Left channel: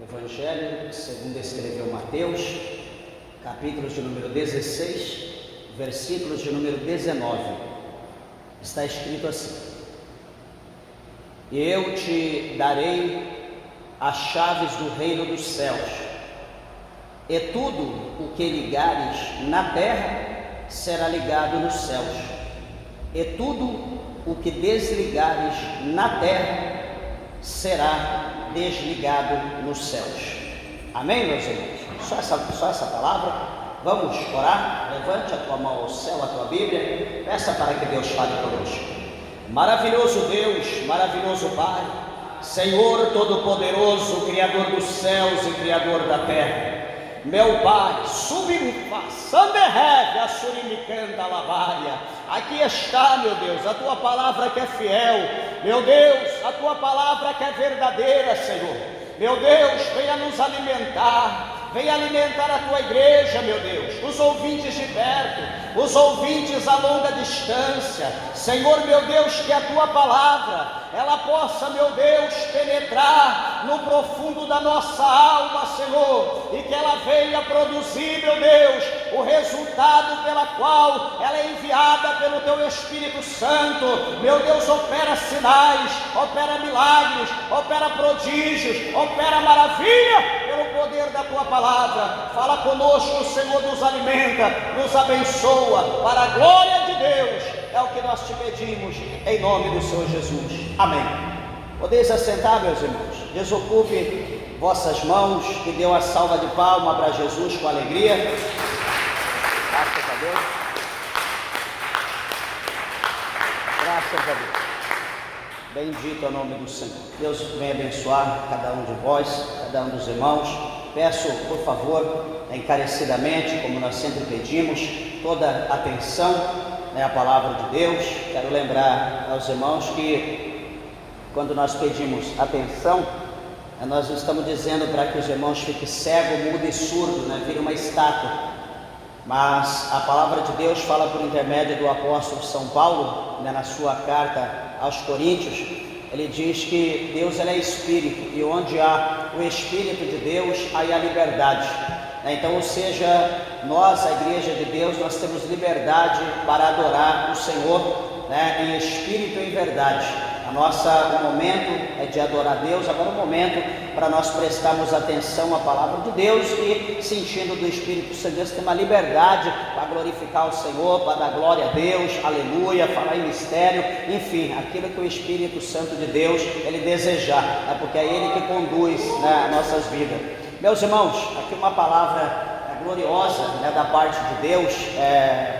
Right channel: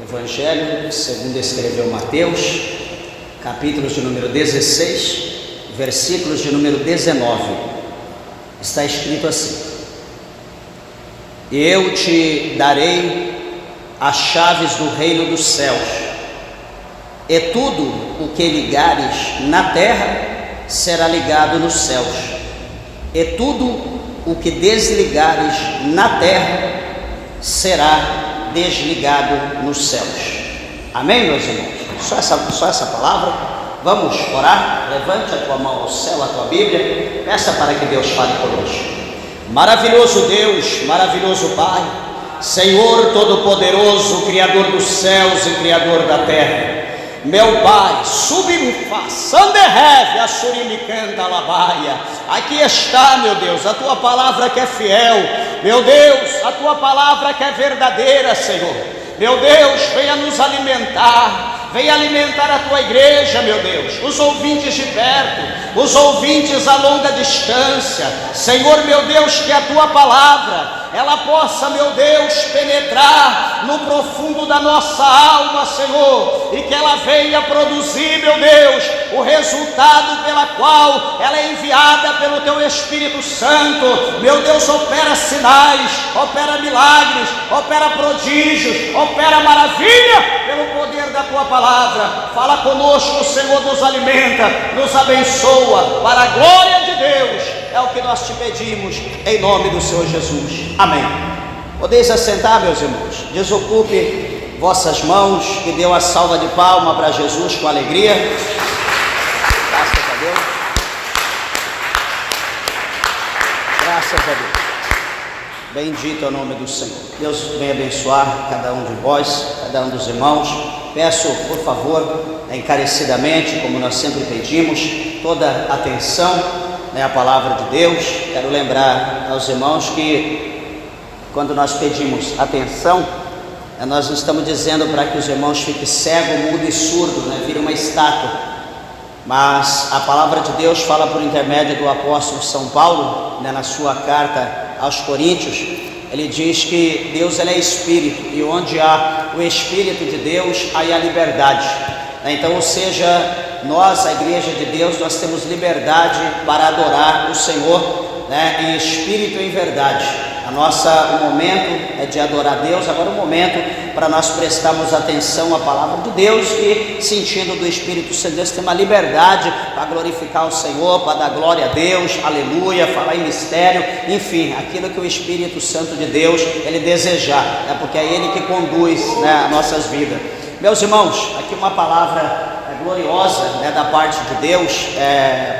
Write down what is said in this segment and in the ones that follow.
Evangelho segundo escreveu Mateus, capítulos de número 16, versículos de número 19, está escrito assim: eu te darei as chaves do reino dos céus, e tudo o que ligares na terra será ligado nos céus, e tudo o que desligares na terra será desligado nos céus. Amém, meus irmãos? Só essa palavra. Vamos orar. Levante a tua mão ao céu, a tua Bíblia, peça para que Deus fale conosco. Maravilhoso Deus, maravilhoso Pai, Senhor Todo-Poderoso, Criador dos céus e Criador da terra, meu Pai, subimfa, sanderreve, assurimi canta alabaia. Aqui está, meu Deus, a tua palavra que é fiel, meu Deus, a tua palavra que é verdadeira, Senhor. Meu Deus, venha nos alimentar, venha alimentar a tua igreja, meu Deus, os ouvintes de perto, os ouvintes a longa distância, Senhor, meu Deus, que a tua palavra ela possa, meu Deus, penetrar no profundo da nossa alma, Senhor, e que ela venha produzir, meu Deus, o resultado pela qual ela é enviada pelo teu Espírito Santo. Meu Deus, opera sinais, opera milagres, opera prodígios, opera maravilha pelo poder da tua palavra. Fala conosco, Senhor, nos alimenta, nos abençoa, para a glória de Deus. É o que nós te pedimos, em nome do Senhor Jesus. Amém. Podeis assentar, meus irmãos. Desocupe vossas mãos e dê uma salva de palma para Jesus com alegria. Graças a Deus. Graças a Deus. Bendito é o nome do Senhor. Deus venha abençoar cada um de vós, cada um dos irmãos. Peço, por favor, encarecidamente, como nós sempre pedimos, toda atenção a palavra de Deus. Quero lembrar aos irmãos que quando nós pedimos atenção, nós não estamos dizendo para que os irmãos fiquem cego, mudo e surdo, vire uma estátua, mas a palavra de Deus fala por intermédio do apóstolo São Paulo, na sua carta aos Coríntios. Ele diz que Deus ele é Espírito, e onde há o Espírito de Deus, aí há liberdade. Então, ou seja, nós, a igreja de Deus, nós temos liberdade para adorar o Senhor, em espírito e em verdade. O momento é de adorar Deus. Agora o momento para nós prestarmos atenção à palavra de Deus e, sentindo do Espírito Santo, Deus tem uma liberdade para glorificar o Senhor, para dar glória a Deus, aleluia, falar em mistério, enfim, aquilo que o Espírito Santo de Deus, ele desejar, porque é ele que conduz as nossas vidas. Meus irmãos, aqui uma palavra gloriosa, da parte de Deus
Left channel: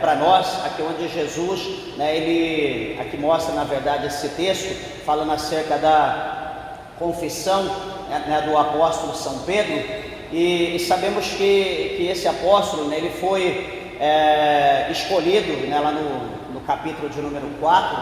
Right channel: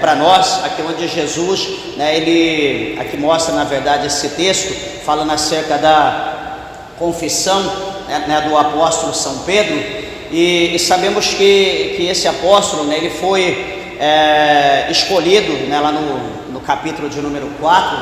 para nós, aqui onde Jesus, ele aqui mostra na verdade esse texto, falando acerca da confissão do apóstolo São Pedro, e sabemos que esse apóstolo, ele foi escolhido, lá no capítulo de número 4,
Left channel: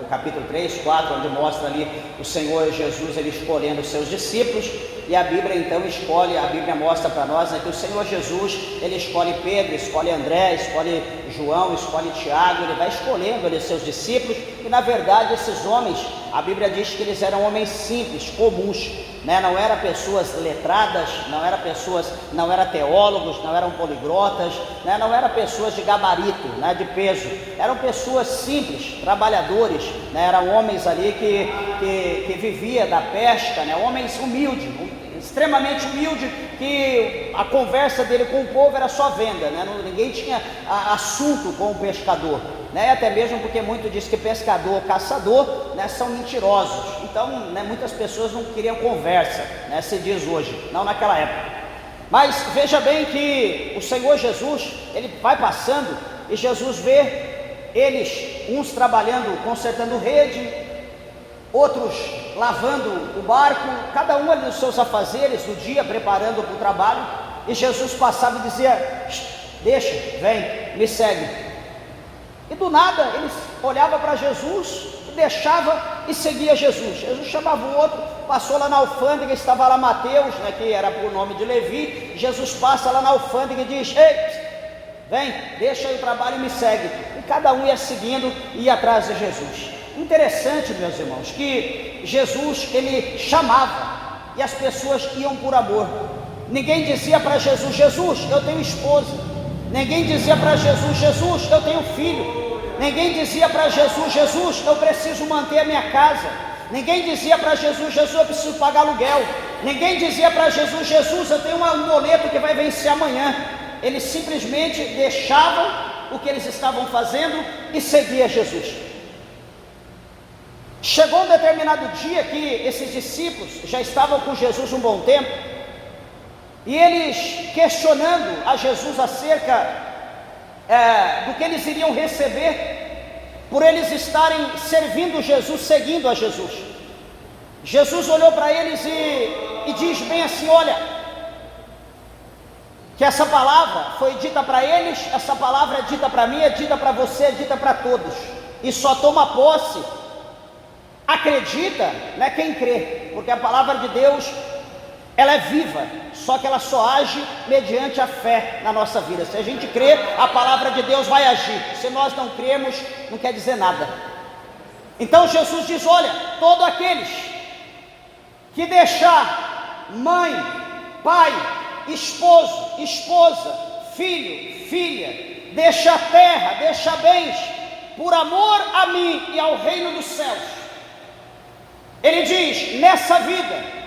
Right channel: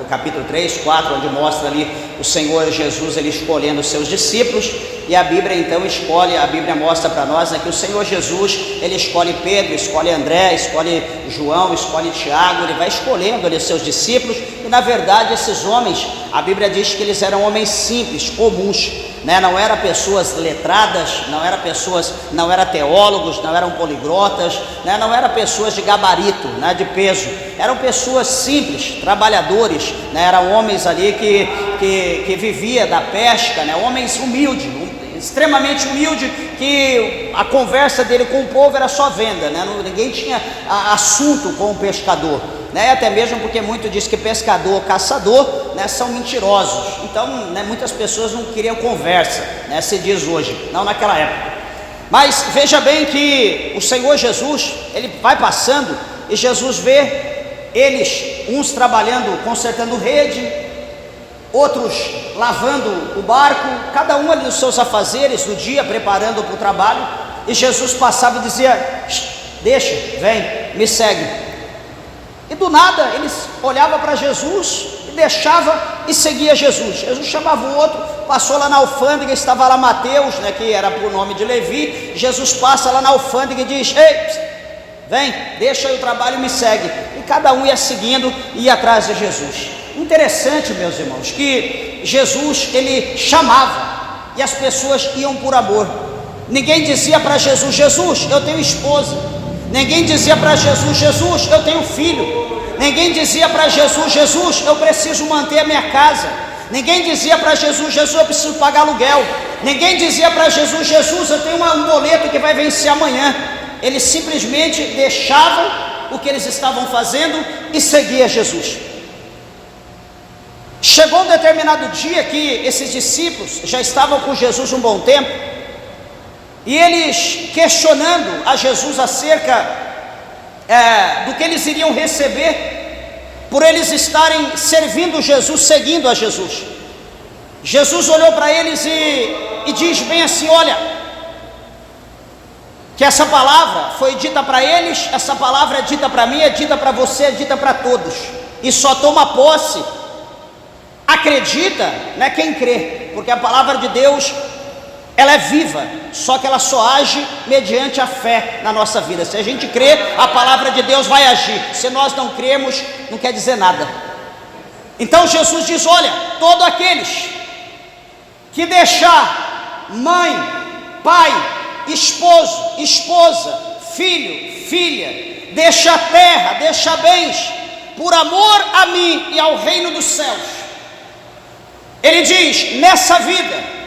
no capítulo 3, 4, onde mostra ali o Senhor Jesus, ele escolhendo os seus discípulos. E a Bíblia então a Bíblia mostra para nós que o Senhor Jesus, ele escolhe Pedro, escolhe André, escolhe João, escolhe Tiago, ele vai escolhendo ali os seus discípulos, e na verdade esses homens, a Bíblia diz que eles eram homens simples, comuns, não eram pessoas letradas, não eram teólogos, não eram poliglotas, não eram pessoas de gabarito, de peso, eram pessoas simples, trabalhadores, eram homens ali que vivia da pesca, homens humildes, extremamente humilde, que a conversa dele com o povo era só venda, ninguém tinha assunto com o pescador, até mesmo porque muito diz que pescador, caçador, são mentirosos. Então, muitas pessoas não queriam conversa, se diz hoje, não naquela época. Mas veja bem que o Senhor Jesus, ele vai passando e Jesus vê eles, uns trabalhando, consertando rede, outros lavando o barco, cada um ali nos seus afazeres do dia, preparando para o trabalho, e Jesus passava e dizia: deixa, vem, me segue. E do nada eles olhavam para Jesus e deixava e seguia Jesus. Jesus chamava o outro, passou lá na alfândega, estava lá Mateus, que era por nome de Levi. Jesus passa lá na alfândega e diz: ei, vem, deixa aí o trabalho e me segue. E cada um ia seguindo e ia atrás de Jesus. Interessante, meus irmãos, que Jesus, ele chamava, e as pessoas iam por amor. Ninguém dizia para Jesus: Jesus, eu tenho esposa. Ninguém dizia para Jesus: Jesus, eu tenho filho. Ninguém dizia para Jesus: Jesus, eu preciso manter a minha casa. Ninguém dizia para Jesus: Jesus, eu preciso pagar aluguel. Ninguém dizia para Jesus: Jesus, eu tenho um boleto que vai vencer amanhã. Eles simplesmente deixavam o que eles estavam fazendo e seguiam Jesus. Chegou um determinado dia que esses discípulos já estavam com Jesus um bom tempo, e eles questionando a Jesus acerca do que eles iriam receber por eles estarem servindo Jesus, seguindo a Jesus. Jesus olhou para eles e diz bem assim: olha, que essa palavra foi dita para eles, essa palavra é dita para mim, é dita para você, é dita para todos, e só toma posse, acredita, né, quem crê, porque a palavra de Deus, ela é viva, só que ela só age mediante a fé na nossa vida. Se a gente crê, a palavra de Deus vai agir. Se nós não cremos, não quer dizer nada. Então Jesus diz: olha, todos aqueles que deixar mãe, pai, esposo, esposa, filho, filha, deixa terra, deixa bens, por amor a mim e ao reino dos céus, ele diz, nessa vida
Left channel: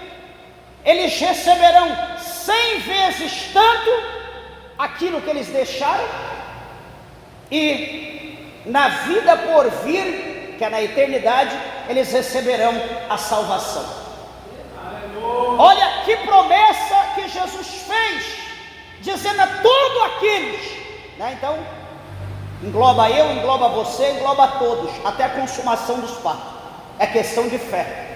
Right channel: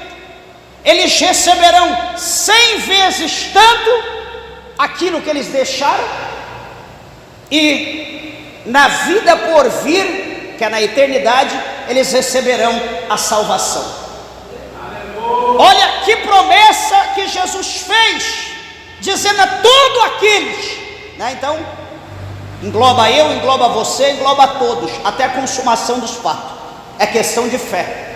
eles receberão 100 vezes tanto aquilo que eles deixaram, e na vida por vir, que é na eternidade, eles receberão a salvação. Olha que promessa que Jesus fez, dizendo a todos aqueles, né? Então engloba eu, engloba você, engloba todos, até a consumação dos fatos. É questão de fé.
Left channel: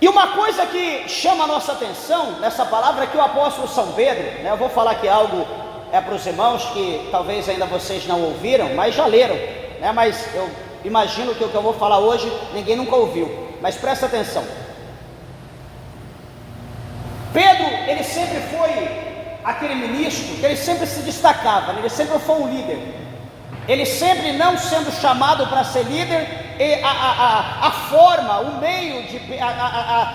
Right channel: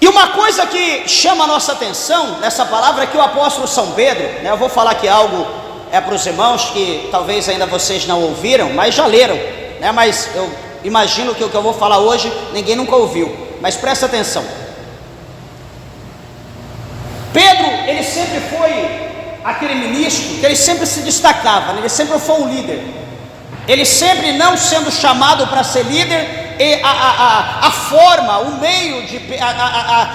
E uma coisa que chama a nossa atenção nessa palavra é que o apóstolo São Pedro, né, eu vou falar aqui algo para os irmãos que talvez ainda vocês não ouviram, mas já leram, né, mas eu imagino que o que eu vou falar hoje ninguém nunca ouviu, mas presta atenção. Pedro, ele sempre foi aquele ministro que ele sempre se destacava, né, ele sempre foi um líder. Ele sempre, não sendo chamado para ser líder, e a forma, o meio,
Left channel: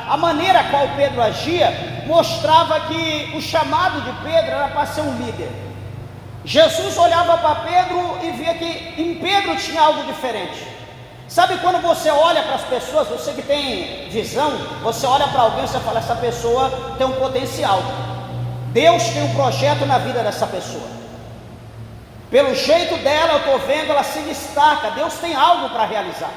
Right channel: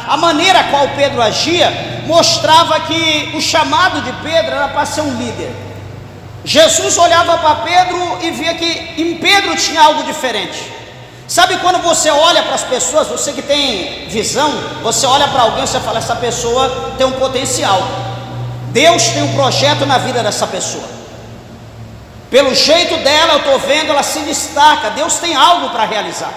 a maneira a qual Pedro agia, mostrava que o chamado de Pedro era para ser um líder. Jesus olhava para Pedro e via que em Pedro tinha algo diferente. Sabe quando você olha para as pessoas, você que tem visão, você olha para alguém e você fala: essa pessoa tem um potencial, Deus tem um projeto na vida dessa pessoa. Pelo jeito dela, eu estou vendo, ela se destaca, Deus tem algo para realizar.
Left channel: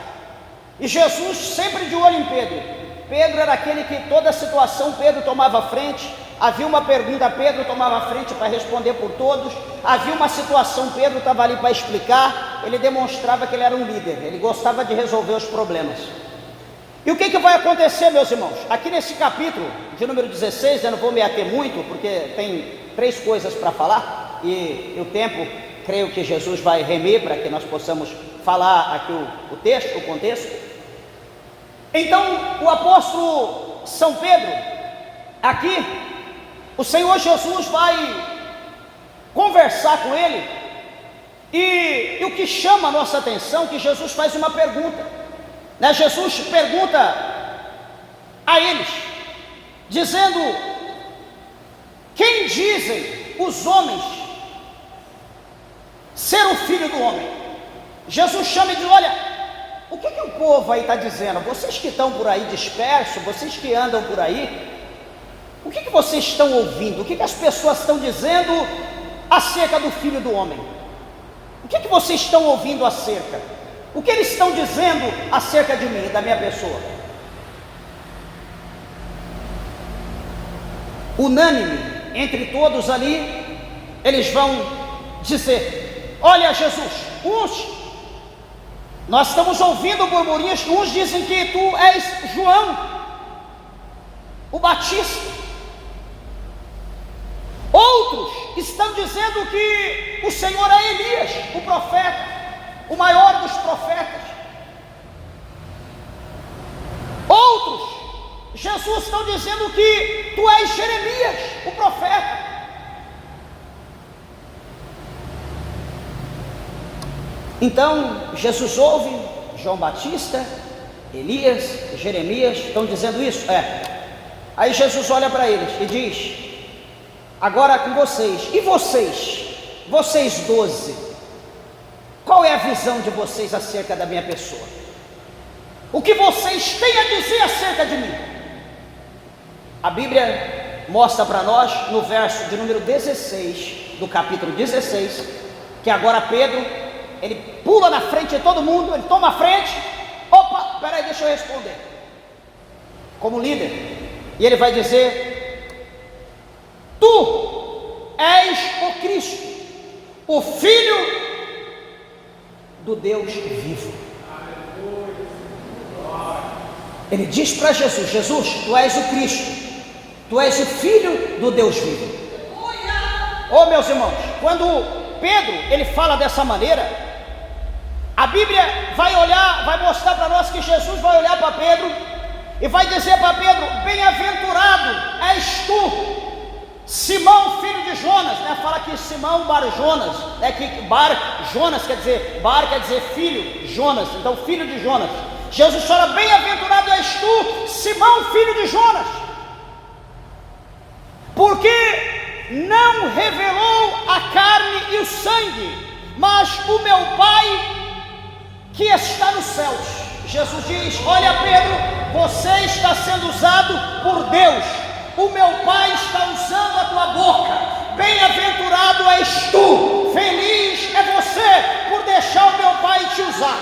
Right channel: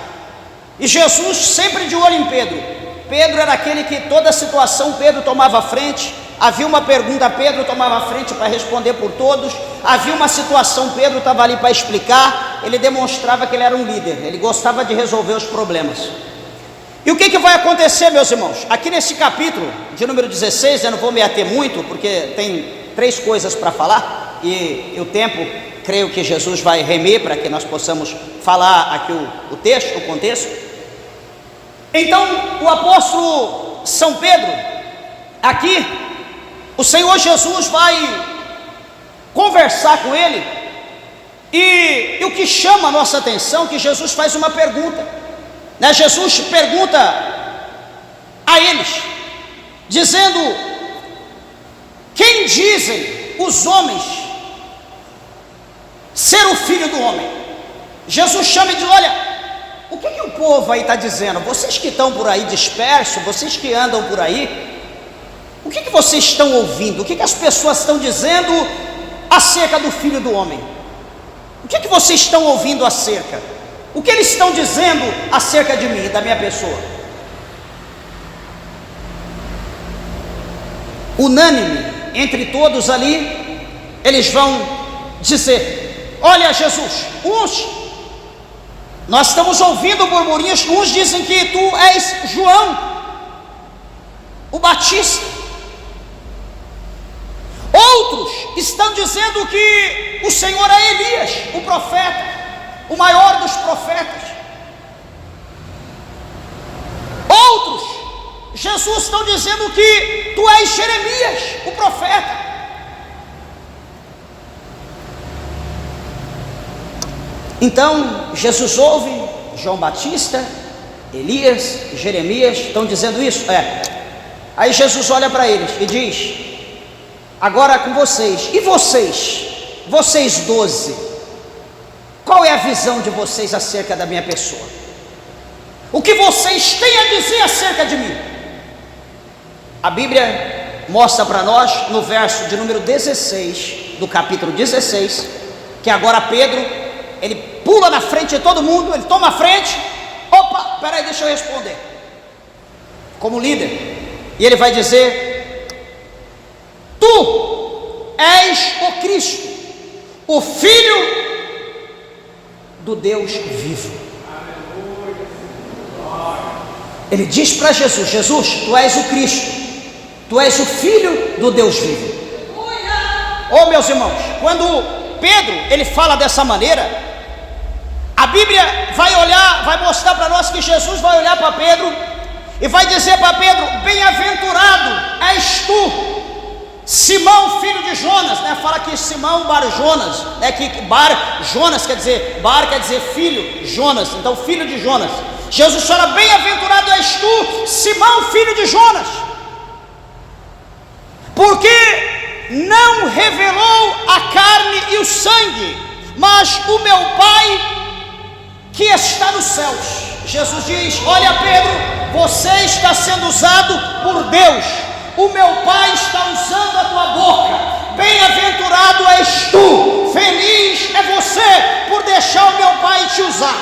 E Jesus sempre de olho em Pedro. Pedro era aquele que toda situação Pedro tomava frente. Havia uma pergunta, Pedro tomava frente para responder por todos. Havia uma situação, Pedro estava ali para explicar. Ele demonstrava que ele era um líder, ele gostava de resolver os problemas. E o que vai acontecer, meus irmãos? Aqui nesse capítulo de número 16, eu não vou me ater muito, porque tem 3 coisas para falar, e o tempo, creio que Jesus vai remer para que nós possamos falar aqui o texto, o contexto. Então, o apóstolo São Pedro, aqui, o Senhor Jesus vai conversar com ele, e o que chama a nossa atenção é que Jesus faz uma pergunta, né? Jesus pergunta a eles, dizendo: quem dizem os homens ser o Filho do Homem? Jesus chama e diz: olha, o que o povo aí está dizendo? Vocês que estão por aí dispersos, vocês que andam por aí, o que vocês estão ouvindo? O que as pessoas estão dizendo acerca do Filho do Homem? O que vocês estão ouvindo acerca? O que eles estão dizendo acerca de mim, da minha pessoa? Unânime entre todos ali, eles vão dizer: olha, Jesus, nós estamos ouvindo burburinhos, uns dizem que tu és João, o Batista. Outros estão dizendo que o Senhor é Elias, o profeta, o maior dos profetas. Outros, Jesus, estão dizendo que tu és Jeremias, o profeta. Então, Jesus ouve João Batista, Elias, Jeremias, estão dizendo isso? Aí Jesus olha para eles e diz: agora com vocês, e vocês 12, qual é a visão de vocês acerca da minha pessoa? O que vocês têm a dizer acerca de mim? A Bíblia mostra para nós, no verso de número 16, do capítulo 16, que agora Pedro, ele pula na frente de todo mundo, ele toma a frente. Opa, peraí, deixa eu responder, como líder. E ele vai dizer: tu és o Cristo, o Filho do Deus vivo. Ele diz para Jesus: Jesus, tu és o Cristo, tu és o Filho do Deus vivo. Oh, meus irmãos, quando Pedro, ele fala dessa maneira, a Bíblia vai mostrar para nós que Jesus vai olhar para Pedro e vai dizer para Pedro: bem-aventurado és tu, Simão, filho de Jonas, né? Fala que Simão Bar Jonas, né? Que Bar Jonas quer dizer filho, Jonas, então filho de Jonas. Jesus fala: bem-aventurado és tu, Simão, filho de Jonas, porque não revelou a carne e o sangue, mas o meu Pai que está nos céus. Jesus diz: olha, Pedro, você está sendo usado por Deus, o meu Pai está usando a tua boca. Bem-aventurado és tu, feliz é você por deixar o meu Pai te usar.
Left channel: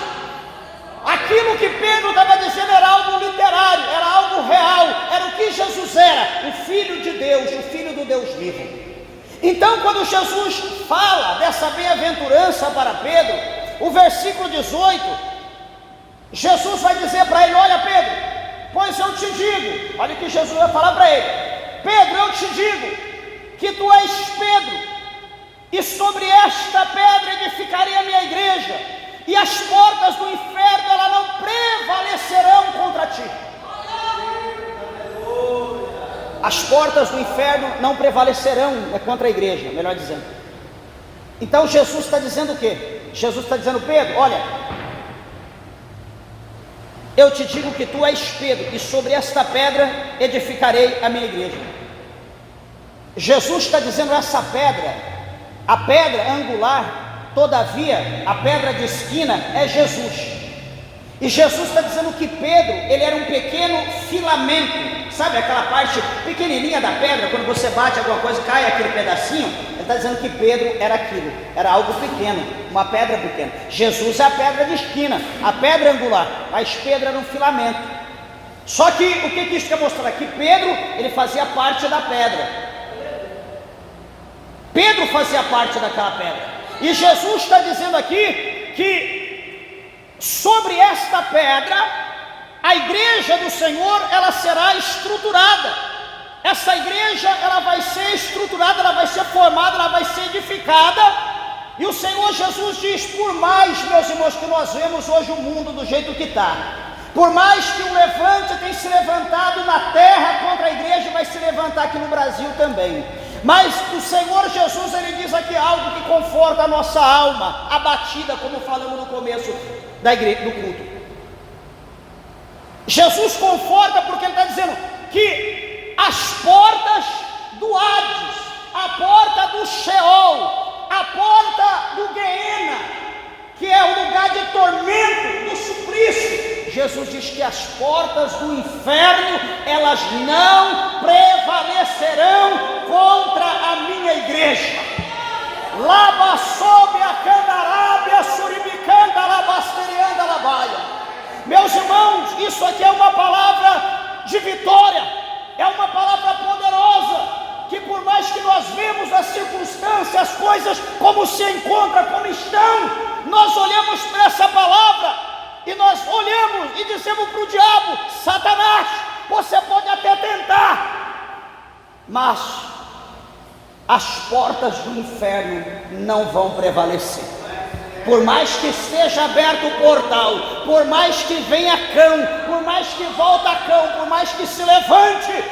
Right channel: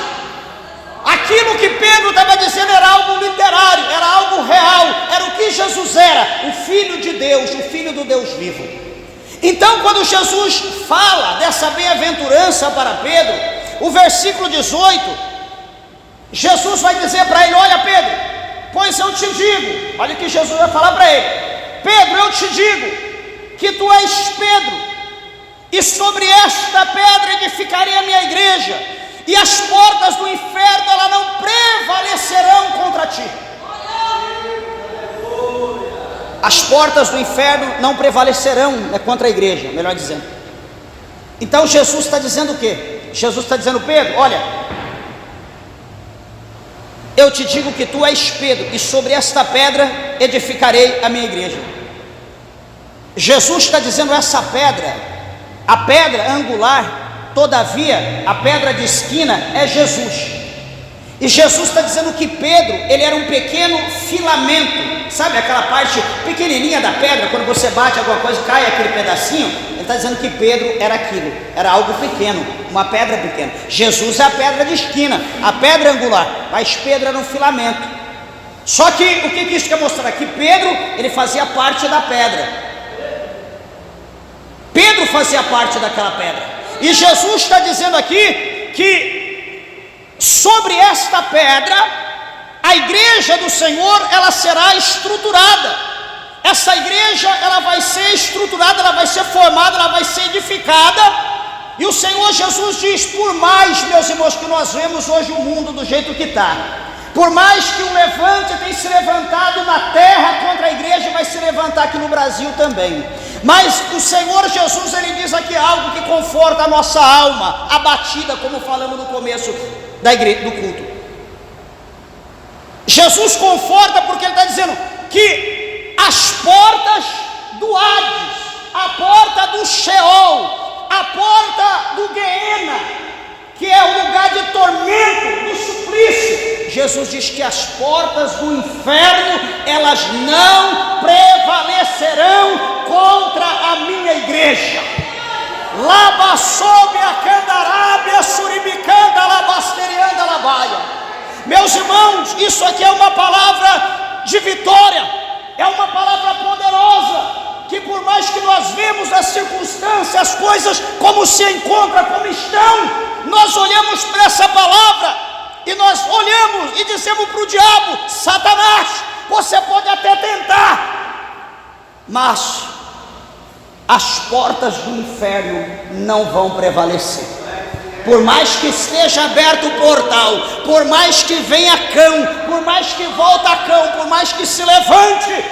Aquilo que Pedro estava dizendo era algo literário, era algo real, era o que Jesus era, o Filho de Deus, o Filho do Deus vivo. Então, quando Jesus fala dessa bem-aventurança para Pedro, o versículo 18, Jesus vai dizer para ele: olha, Pedro, pois eu te digo, olha o que Jesus vai falar para ele: Pedro, eu te digo que tu és Pedro, e sobre esta pedra edificarei a minha igreja, e as portas do inferno elas não prevalecerão contra ti. As portas do inferno não prevalecerão contra a igreja, melhor dizendo. Então Jesus está dizendo o quê? Jesus está dizendo: Pedro, olha, eu te digo que tu és Pedro, e sobre esta pedra edificarei a minha igreja. Jesus está dizendo essa pedra, a pedra angular. Todavia, a pedra de esquina é Jesus. E Jesus está dizendo que Pedro, ele era um pequeno filamento, sabe aquela parte pequenininha da pedra, quando você bate alguma coisa e cai aquele pedacinho? Ele está dizendo que Pedro era aquilo, era algo pequeno, uma pedra pequena. Jesus é a pedra de esquina, a pedra angular, mas Pedro era um filamento. Só que o que isso quer mostrar? Que Pedro, ele fazia parte da pedra. Pedro fazia parte daquela pedra. E Jesus está dizendo aqui que sobre esta pedra a igreja do Senhor ela será estruturada. Essa igreja ela vai ser estruturada, ela vai ser formada, ela vai ser edificada. E o Senhor Jesus diz: por mais, meus irmãos, que nós vemos hoje o mundo do jeito que está, por mais que o levante tenha se levantado na terra contra a igreja, vai se levantar aqui no Brasil também. Mas o Senhor Jesus, ele diz aqui algo que conforta a nossa alma abatida, como falamos no começo da igreja, do culto. Jesus conforta porque ele está dizendo que as portas do Hades, a porta do Sheol, a porta do Guiena, que é o lugar de tormento, do suplício, Jesus diz que as portas do inferno, elas não prevalecerão contra a minha igreja. Laba sob a candarábia, suribicanda, labasterianda, labaia. Meus irmãos, isso aqui é uma palavra de vitória, é uma palavra poderosa, que por mais que nós vemos as circunstâncias, as coisas como se encontram, como estão, nós olhamos para essa palavra e nós olhamos e dizemos para o diabo: Satanás, você pode até tentar, mas as portas do inferno não vão prevalecer. Por mais que esteja aberto o portal, por mais que venha cão, por mais que volta cão, por mais que se levante,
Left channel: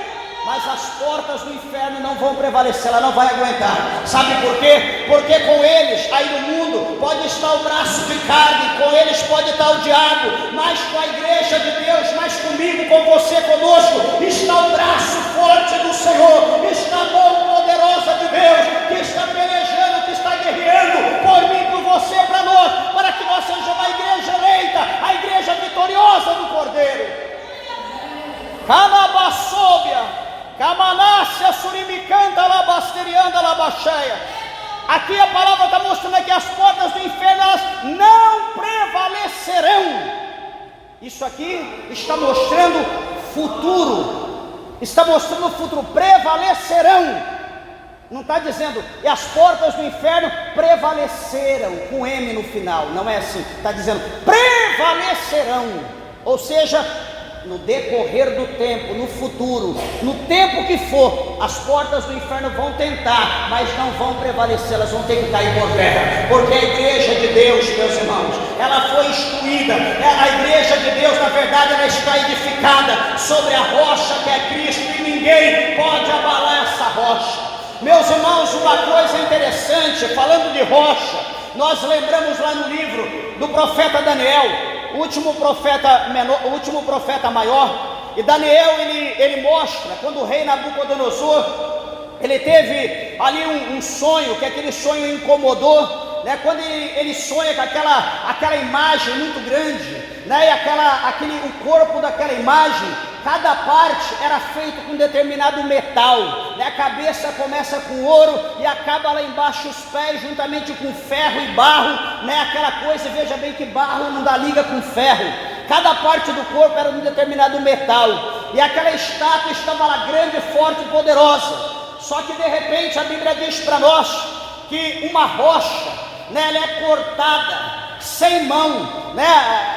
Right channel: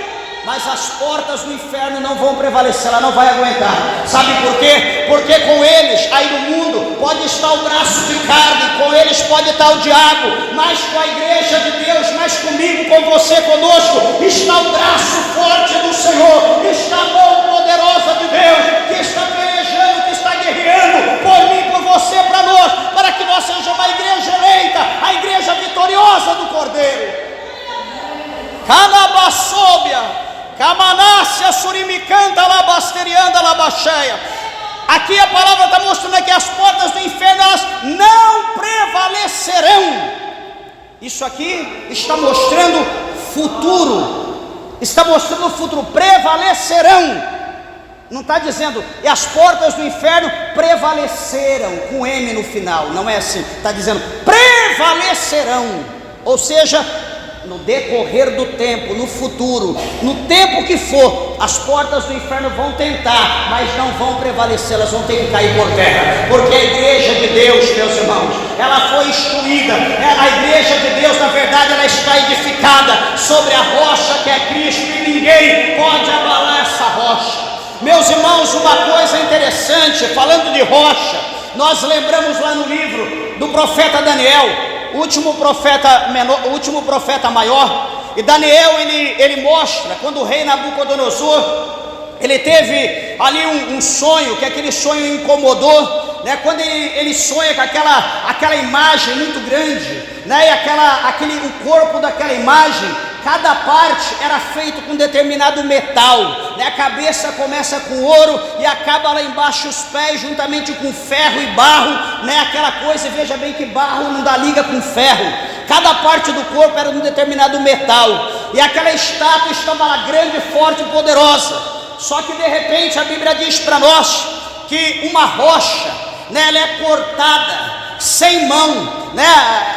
mas as portas do inferno não vão prevalecer, ela não vai aguentar. Sabe por quê? Porque com eles, aí no mundo, pode estar o braço de carne, com eles pode estar o diabo, mas com a igreja de Deus, mas comigo, com você, conosco, está o braço Camanácia surimicanta labasterianda labacheia. Aqui a palavra está mostrando que as portas do inferno elas não prevalecerão. Isso aqui está mostrando futuro. Está mostrando o futuro. Prevalecerão. Não está dizendo, e as portas do inferno prevaleceram, com M no final, não é assim, está dizendo, prevalecerão, ou seja, no decorrer do tempo, no futuro, no tempo que for, as portas do inferno vão tentar, mas não vão prevalecer, elas vão ter que cair por terra, porque a igreja de Deus, meus irmãos, ela foi instruída, a igreja de Deus, na verdade, ela está edificada sobre a rocha que é Cristo, e ninguém pode abalar essa rocha. Meus irmãos, uma coisa interessante, falando de rocha, nós lembramos lá no livro do profeta Daniel, o último profeta maior, e Daniel ele mostra, quando o rei Nabucodonosor, ele teve ali um sonho, que aquele sonho incomodou, né? Quando ele sonha com aquela imagem muito grande, né? E o corpo daquela imagem, cada parte era feito com determinado metal, né? A cabeça começa com ouro e acaba lá embaixo os pés, juntamente com ferro e barro, né? Aquela coisa, veja bem que barro não dá liga com ferro. Cada parte do corpo era de um determinado metal, e aquela estátua estava lá grande, forte e poderosa. Só que de repente a Bíblia diz para nós que uma rocha, né? Ela é cortada sem mão, né?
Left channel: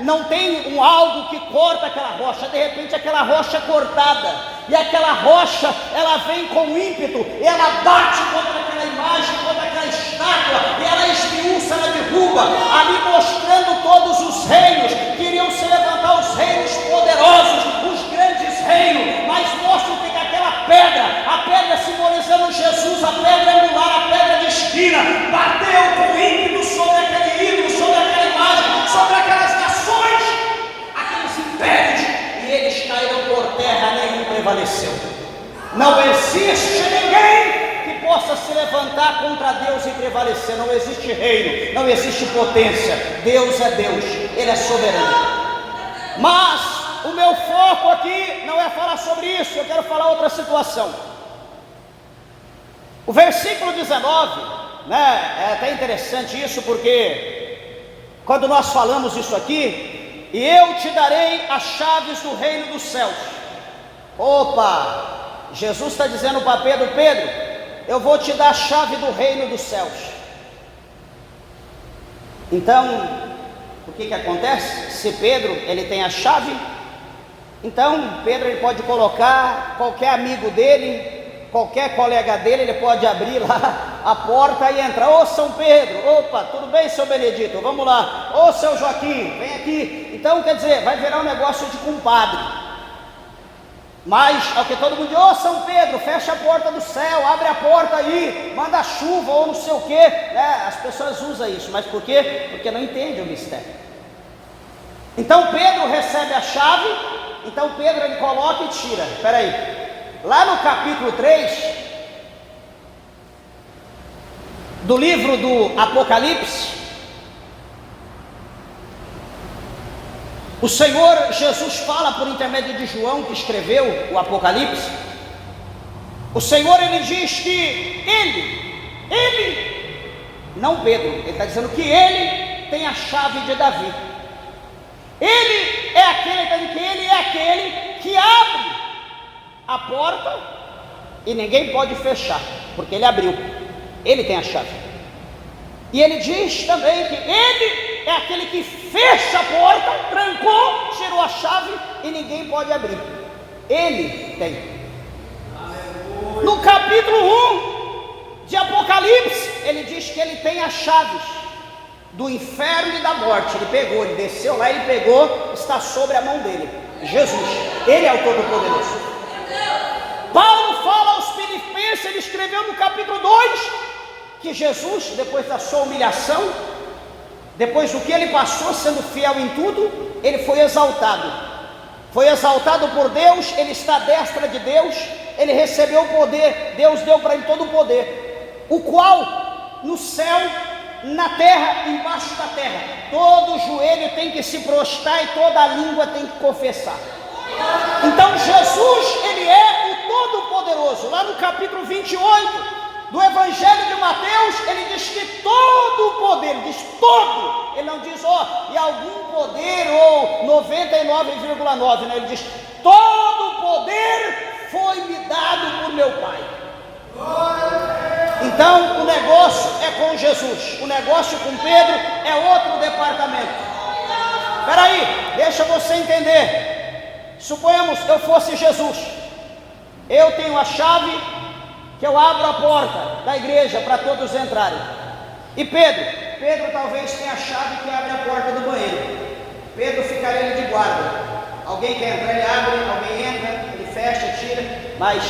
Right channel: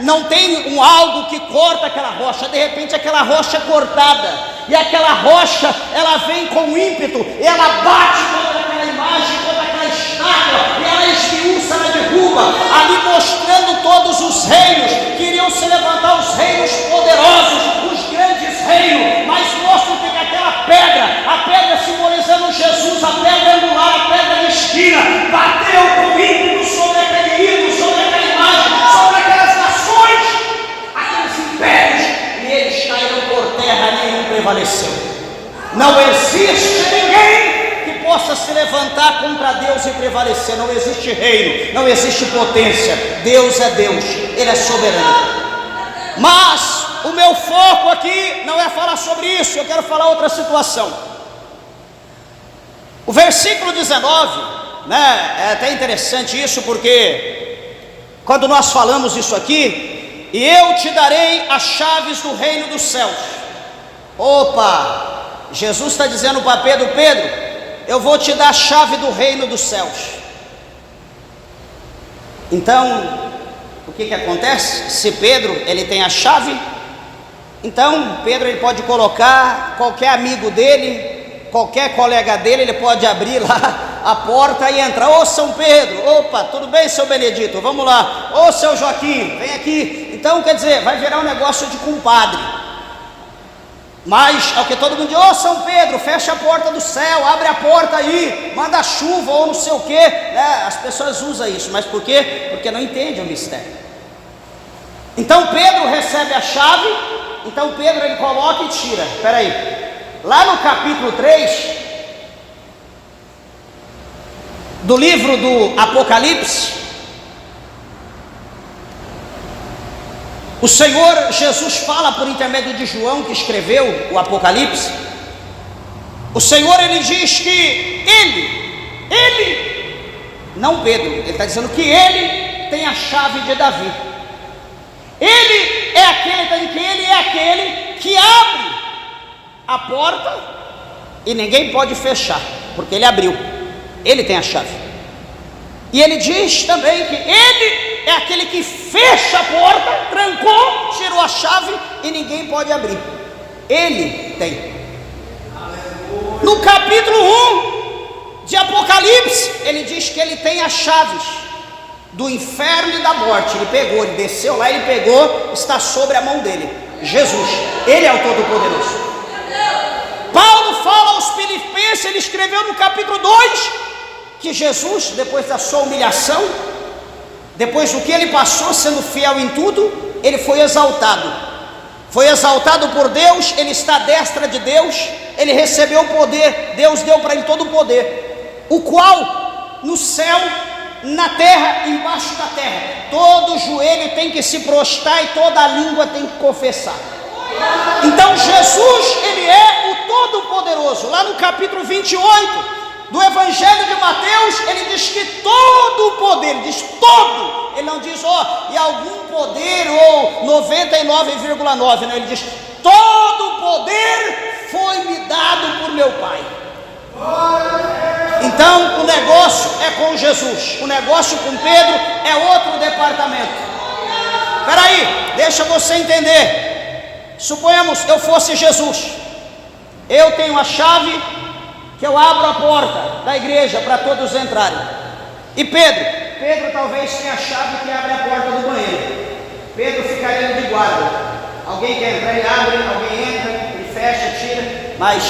Não tem algo que corta aquela rocha, de repente aquela rocha é cortada, e aquela rocha, ela vem com ímpeto, ela bate contra aquela imagem, contra aquela estátua, e ela esmiuça, ela derruba, ali mostrando todos os reinos, que iriam se levantar os reinos poderosos, os grandes reinos, mas mostra que aquela pedra, a pedra simbolizando Jesus, a pedra angular, a pedra de esquina, bateu com ímpeto sobre aquele ídolo, sobre aquela imagem, sobre aquelas nações, aqueles impérios, e eles caíram por terra, nenhum prevaleceu. Não existe ninguém que possa se levantar contra Deus e prevalecer. Não existe reino, não existe potência. Deus é Deus, Ele é soberano. Mas o meu foco aqui não é falar sobre isso, eu quero falar outra situação. O versículo 19, né, é até interessante isso, porque quando nós falamos isso aqui, e eu te darei as chaves do reino dos céus. Opa, Jesus está dizendo para Pedro, eu vou te dar a chave do reino dos céus. Então, o que acontece? Se Pedro, ele tem a chave, então Pedro ele pode colocar qualquer amigo dele, qualquer colega dele, ele pode abrir lá a porta e entrar. Ô São Pedro, opa, tudo bem, seu Benedito, vamos lá. Ô seu Joaquim, vem aqui. Então quer dizer, vai virar um negócio de compadre. Mas é o que todo mundo diz: ô São Pedro, fecha a porta do céu, abre a porta aí, manda chuva ou não sei o que, né? As pessoas usam isso, mas por quê? Porque não entendem o mistério. Então Pedro recebe a chave, então Pedro ele coloca e tira. Espera aí, lá no capítulo 3 do livro do Apocalipse, o Senhor Jesus fala por intermédio de João, que escreveu o Apocalipse. O Senhor ele diz que ele, não Pedro, ele está dizendo que ele tem a chave de Davi. Ele é aquele que abre a porta e ninguém pode fechar, porque ele abriu, ele tem a chave. E ele diz também que ele é aquele que fecha a porta, trancou, tirou a chave e ninguém pode abrir. Ele tem. No capítulo 1 de Apocalipse, ele diz que ele tem as chaves do inferno e da morte. Ele pegou, ele desceu lá, ele pegou, está sobre a mão dele. Jesus, ele é o Todo-Poderoso. Paulo fala aos Filipenses, ele escreveu no capítulo 2 que Jesus, depois da sua humilhação, depois do que ele passou, sendo fiel em tudo, ele foi exaltado por Deus, ele está à destra de Deus, ele recebeu o poder, Deus deu para ele todo o poder, o qual no céu, na terra, embaixo da terra, todo joelho tem que se prostrar e toda língua tem que confessar. Então Jesus, ele é o capítulo 28 do Evangelho de Mateus, ele diz que todo o poder, ele diz todo, ele não diz, e algum poder, ou 99,9, não, ele diz, todo o poder foi-me dado por meu Pai. Então, o negócio é com Jesus, o negócio com Pedro é outro departamento. Espera aí, deixa você entender. Suponhamos eu fosse Jesus, eu tenho a chave que eu abro a porta da igreja para todos entrarem. E Pedro talvez tenha a chave que abre a porta do banheiro. Pedro ficaria de guarda. Alguém quer entrar, ele abre, alguém entra, ele fecha, tira, mas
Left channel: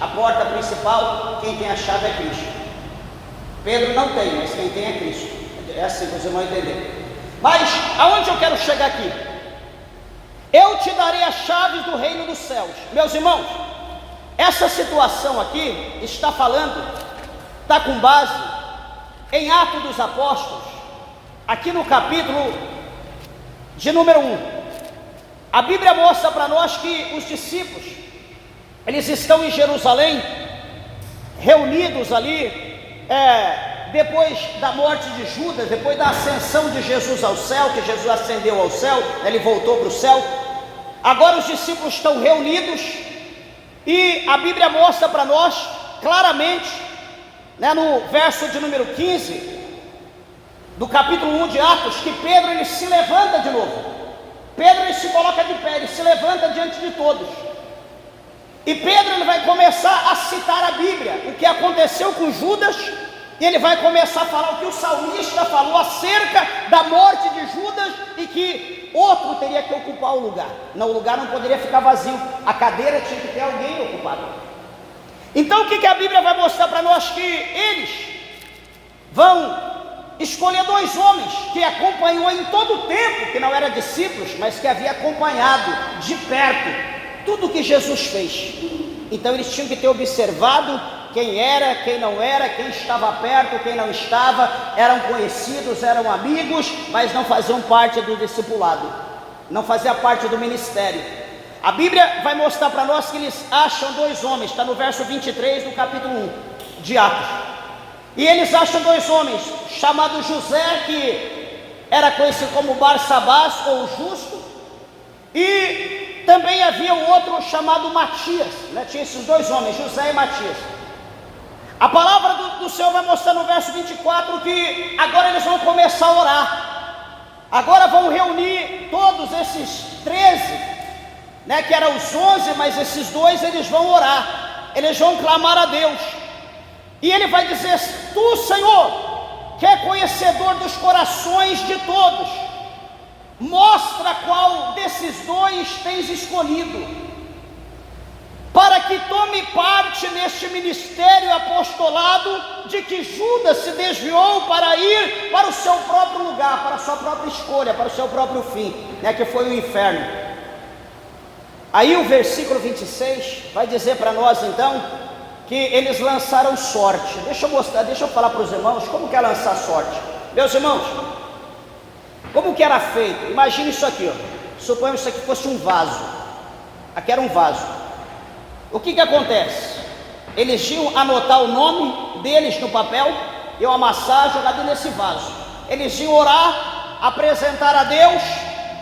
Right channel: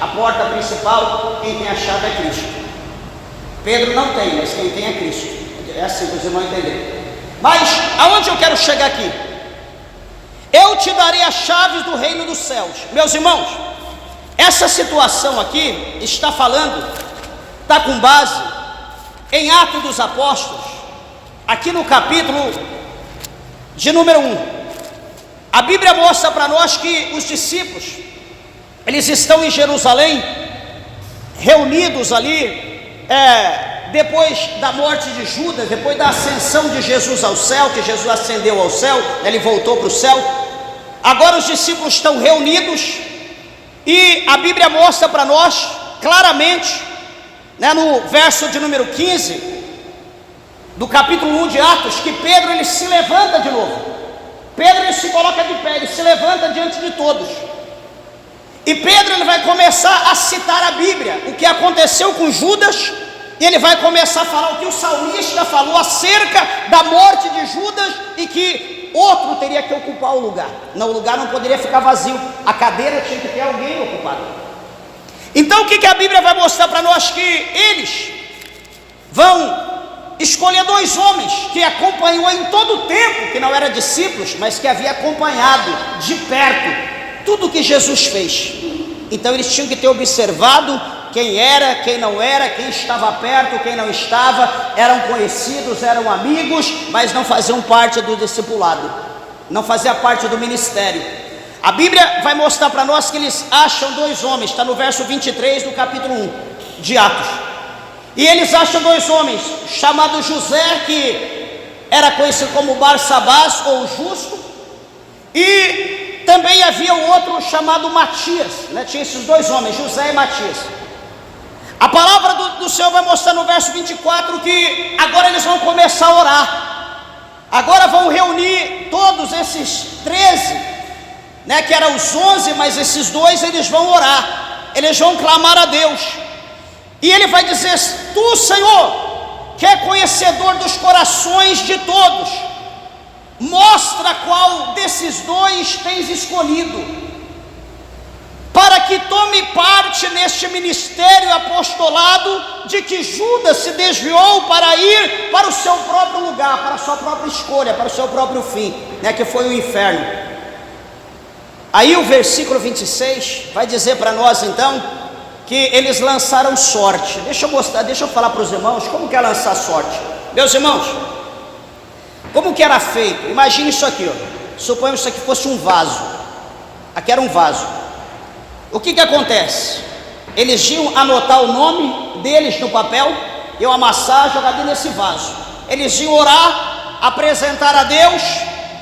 a porta principal, quem tem a chave é Cristo. Pedro não tem, mas quem tem é Cristo. É assim que vocês vão entender. Mas aonde eu quero chegar aqui? Eu te darei as chaves do reino dos céus. Meus irmãos, essa situação aqui está com base em Atos dos Apóstolos, aqui no capítulo de número 1. A Bíblia mostra para nós que os discípulos, eles estão em Jerusalém, reunidos ali, depois da morte de Judas, depois da ascensão de Jesus ao céu, que Jesus ascendeu ao céu, ele voltou para o céu. Agora os discípulos estão reunidos, e a Bíblia mostra para nós claramente, no verso de número 15 do capítulo 1 de Atos, que Pedro ele se levanta de novo. Pedro ele se coloca de pé, ele se levanta diante de todos. E Pedro ele vai começar a citar a Bíblia, o que aconteceu com Judas, e ele vai começar a falar o que o salmista falou acerca da morte de Judas, e que outro teria que ocupar o lugar. Não, o lugar não poderia ficar vazio, a cadeira tinha que ter alguém ocupado. Então o que a Bíblia vai mostrar para nós? Que eles vão escolher 2 homens que acompanhou em todo o tempo, que não eram discípulos, mas que havia acompanhado de perto tudo que Jesus fez. Então eles tinham que ter observado quem era, quem não era, quem estava perto, quem não estava, eram conhecidos, eram amigos, mas não faziam parte do discipulado, não fazia parte do ministério. A Bíblia vai mostrar para nós que eles acham 2 homens, está no verso 23 do capítulo 1 de Atos. E eles acham 2 homens, chamado José, que era conhecido como Barsabás, ou Justo, e também havia um outro chamado Matias, tinha esses 2 homens, José e Matias. A palavra do Senhor vai mostrar no verso 24 que agora eles vão começar a orar. Agora vão reunir todos esses 13, que eram os 11, mas esses 2 eles vão orar, eles vão clamar a Deus. E ele vai dizer: Tu, Senhor, que é conhecedor dos corações de todos, mostra qual desses 2 tens escolhido, para que tome parte neste ministério apostolado, de que Judas se desviou para ir para o seu próprio lugar, para a sua própria escolha, para o seu próprio fim, que foi o inferno. Aí o versículo 26 vai dizer para nós então que eles lançaram sorte. Deixa eu falar para os irmãos como que é lançar sorte. Meus irmãos, como que era feito? Imagine isso aqui, suponhamos que isso aqui fosse um vaso. Aqui era um vaso. O que acontece? Eles iam anotar o nome deles no papel, iam amassar, jogar dentro desse vaso. Eles iam orar, apresentar a Deus,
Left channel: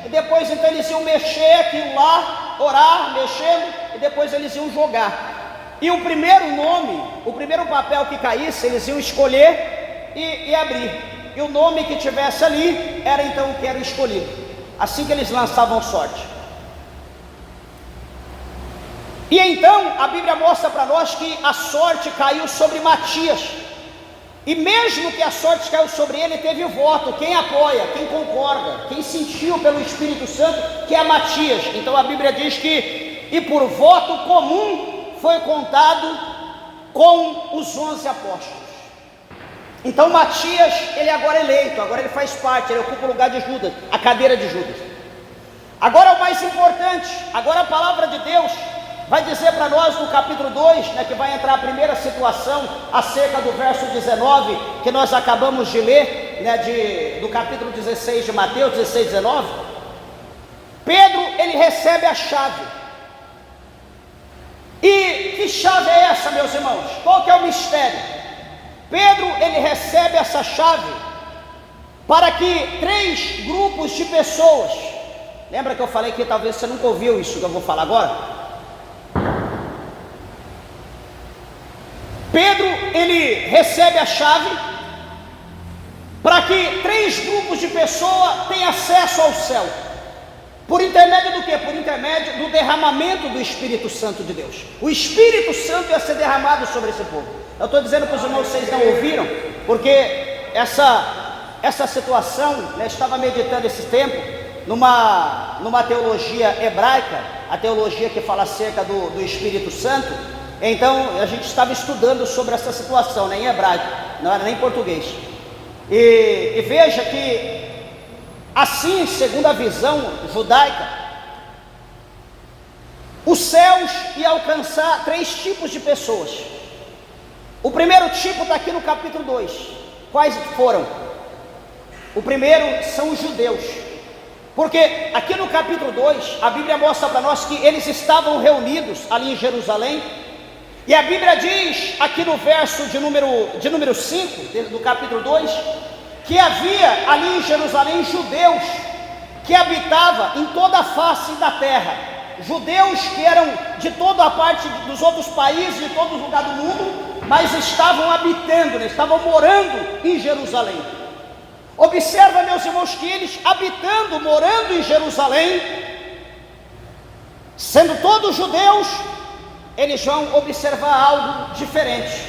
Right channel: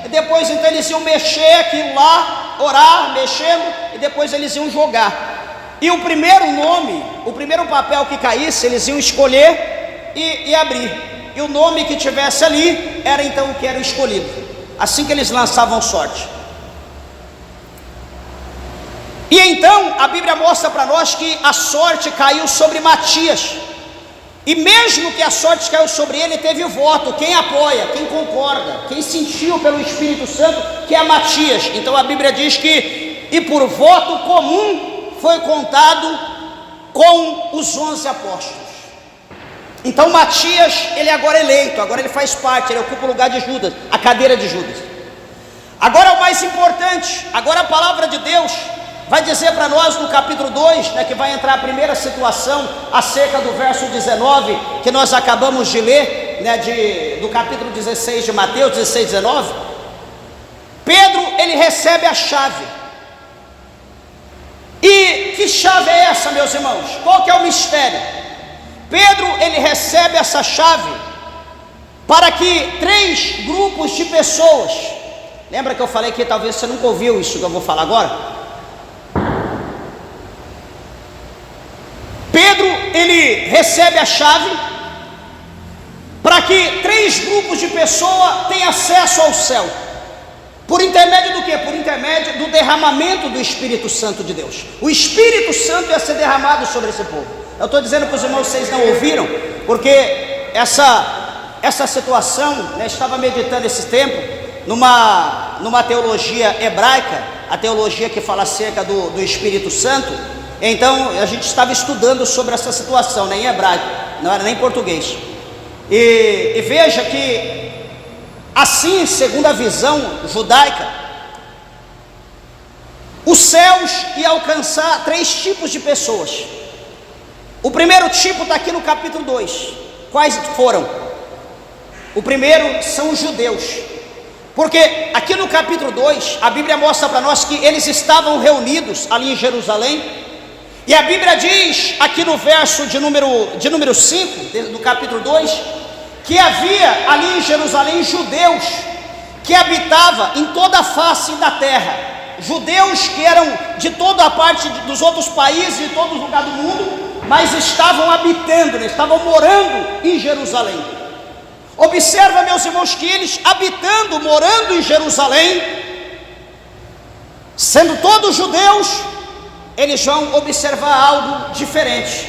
e depois então eles iam mexer aquilo lá, orar, mexendo, e depois eles iam jogar. E o primeiro nome, o primeiro papel que caísse, eles iam escolher e abrir. E o nome que tivesse ali era então o que era escolhido. Assim que eles lançavam sorte. E então a Bíblia mostra para nós que a sorte caiu sobre Matias. E mesmo que a sorte caiu sobre ele, teve o voto. Quem apoia, quem concorda, quem sentiu pelo Espírito Santo, que é Matias. Então a Bíblia diz que, e por voto comum, foi contado com os 11 apóstolos. Então Matias, ele agora é eleito, agora ele faz parte, ele ocupa o lugar de Judas, a cadeira de Judas. Agora o mais importante, agora a palavra de Deus vai dizer para nós no capítulo 2, que vai entrar a primeira situação acerca do verso 19, que nós acabamos de ler, do capítulo 16 de Mateus, 16, 19. Pedro, ele recebe a chave, e que chave é essa, meus irmãos? Qual que é o mistério? Pedro, ele recebe essa chave para que 3 grupos de pessoas, lembra que eu falei que talvez você nunca ouviu isso que eu vou falar agora? Pedro, ele recebe a chave para que 3 grupos de pessoas tenham acesso ao céu. Por intermédio do quê? Por intermédio do derramamento do Espírito Santo de Deus. O Espírito Santo ia ser derramado sobre esse povo. Eu estou dizendo para os irmãos, vocês não ouviram, porque essa situação, né, estava meditando esse tempo numa teologia hebraica, a teologia que fala acerca do Espírito Santo. Então a gente estava estudando sobre essa situação, né, em hebraico, não era nem em português. E veja que assim, segundo a visão judaica, os céus iam alcançar 3 tipos de pessoas. O primeiro tipo está aqui no capítulo 2. Quais foram? O primeiro são os judeus, porque aqui no capítulo 2, a Bíblia mostra para nós que eles estavam reunidos ali em Jerusalém, e a Bíblia diz aqui no verso de número 5, do capítulo 2, que havia ali em Jerusalém judeus que habitavam em toda a face da terra, judeus que eram de toda a parte dos outros países, de todos os lugares do mundo, mas estavam habitando, estavam morando em Jerusalém. Observa, meus irmãos, que eles habitando, morando em Jerusalém, sendo todos judeus, eles vão observar algo diferente.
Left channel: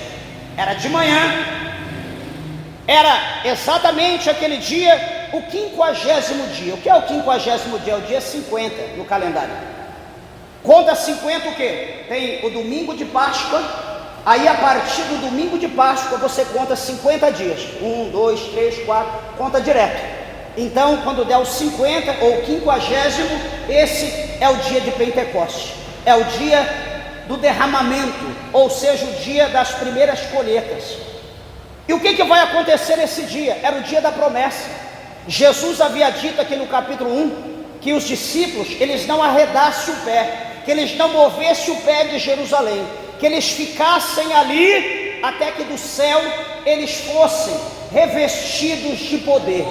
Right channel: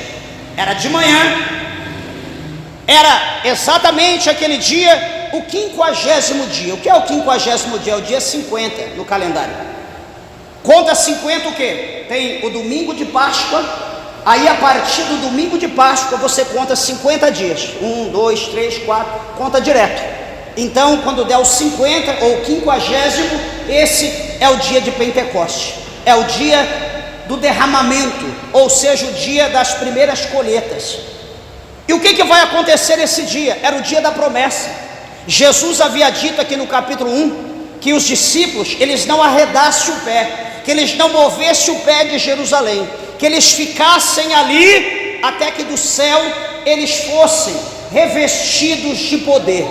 Era de manhã, era exatamente aquele dia, o 50º dia. O que é o 50º dia? É o dia 50 no calendário. Conta 50 o quê? Tem o domingo de Páscoa, aí a partir do domingo de Páscoa você conta 50 dias. 1, 2, 3, 4, conta direto. Então quando der o 50 ou 50º, esse é o dia de Pentecostes. É o dia do derramamento, ou seja, o dia das primeiras colheitas. E o que vai acontecer nesse dia? Era o dia da promessa. Jesus havia dito aqui no capítulo 1 que os discípulos, eles não arredassem o pé, que eles não movessem o pé de Jerusalém, que eles ficassem ali até que do céu eles fossem revestidos de poder,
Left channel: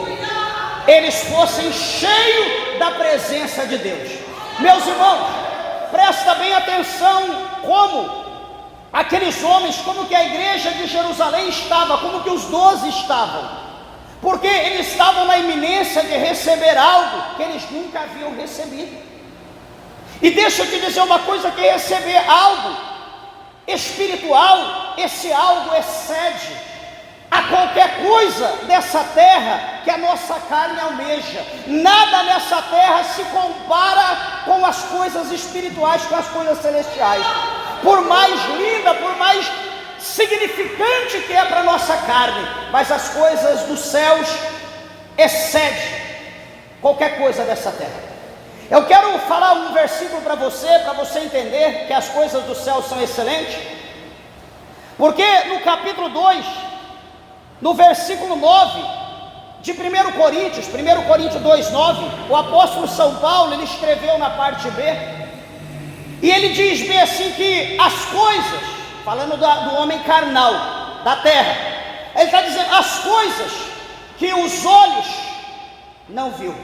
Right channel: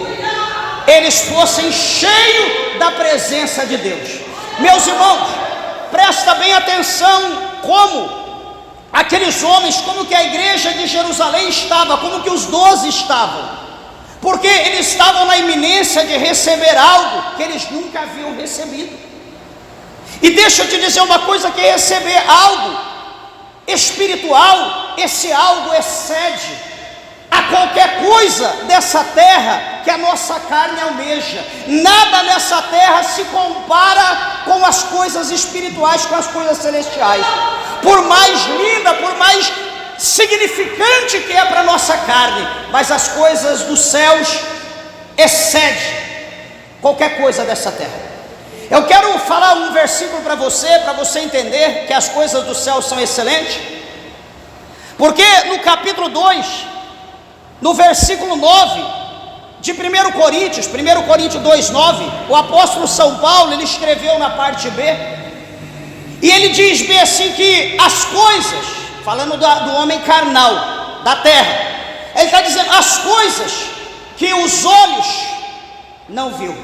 eles fossem cheios da presença de Deus. Meus irmãos, presta bem atenção como aqueles homens, como que a igreja de Jerusalém estava, como que os 12 estavam, porque eles estavam na iminência de receber algo que eles nunca haviam recebido. E deixa eu te dizer uma coisa, que receber algo espiritual, esse algo excede a qualquer coisa dessa terra que a nossa carne almeja. Nada nessa terra se compara com as coisas espirituais, com as coisas celestiais. Por mais linda, por mais significante que é para a nossa carne, mas as coisas dos céus excedem qualquer coisa dessa terra. Eu quero falar um versículo para você entender que as coisas do céu são excelentes, porque no capítulo 2, no versículo 9 de 1 Coríntios 2:9, o apóstolo São Paulo, ele escreveu na parte B, e ele diz bem assim, que as coisas, falando do homem carnal, da terra, ele está dizendo as coisas que os olhos não viu,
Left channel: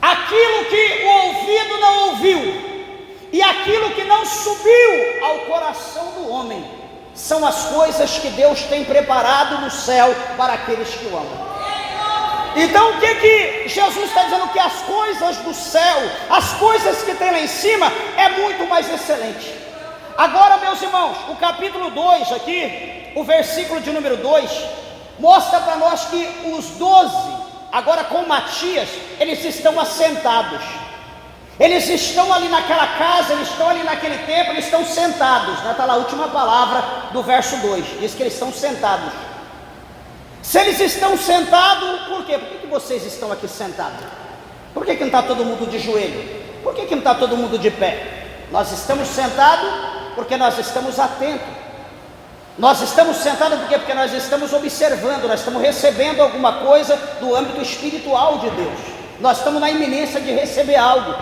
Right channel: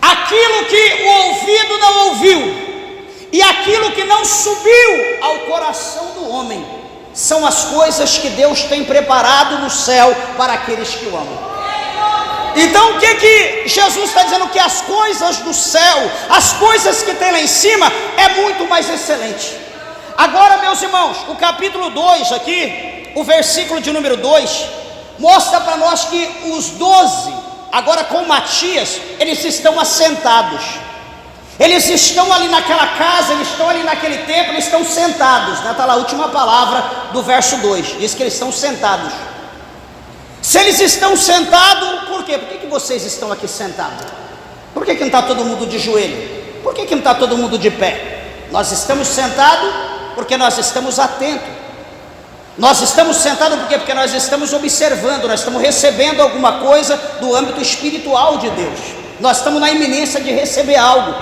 aquilo que o ouvido não ouviu, e aquilo que não subiu ao coração do homem, são as coisas que Deus tem preparado no céu para aqueles que o amam. Então o que Jesus está dizendo? Que as coisas do céu, as coisas que tem lá em cima, é muito mais excelente. Agora, meus irmãos, o capítulo 2 aqui, o versículo de número 2, mostra para nós que os 12, agora com Matias, eles estão assentados. Eles estão ali naquela casa, eles estão ali naquele templo, eles estão sentados. Está lá a última palavra do verso 2, diz que eles estão sentados. Se eles estão sentados, por quê? Por que vocês estão aqui sentados? Por que não está todo mundo de joelho? Por que não está todo mundo de pé? Nós estamos sentados porque nós estamos atentos. Nós estamos sentados por quê? Porque nós estamos observando, nós estamos recebendo alguma coisa do âmbito espiritual de Deus. Nós estamos na iminência de receber algo.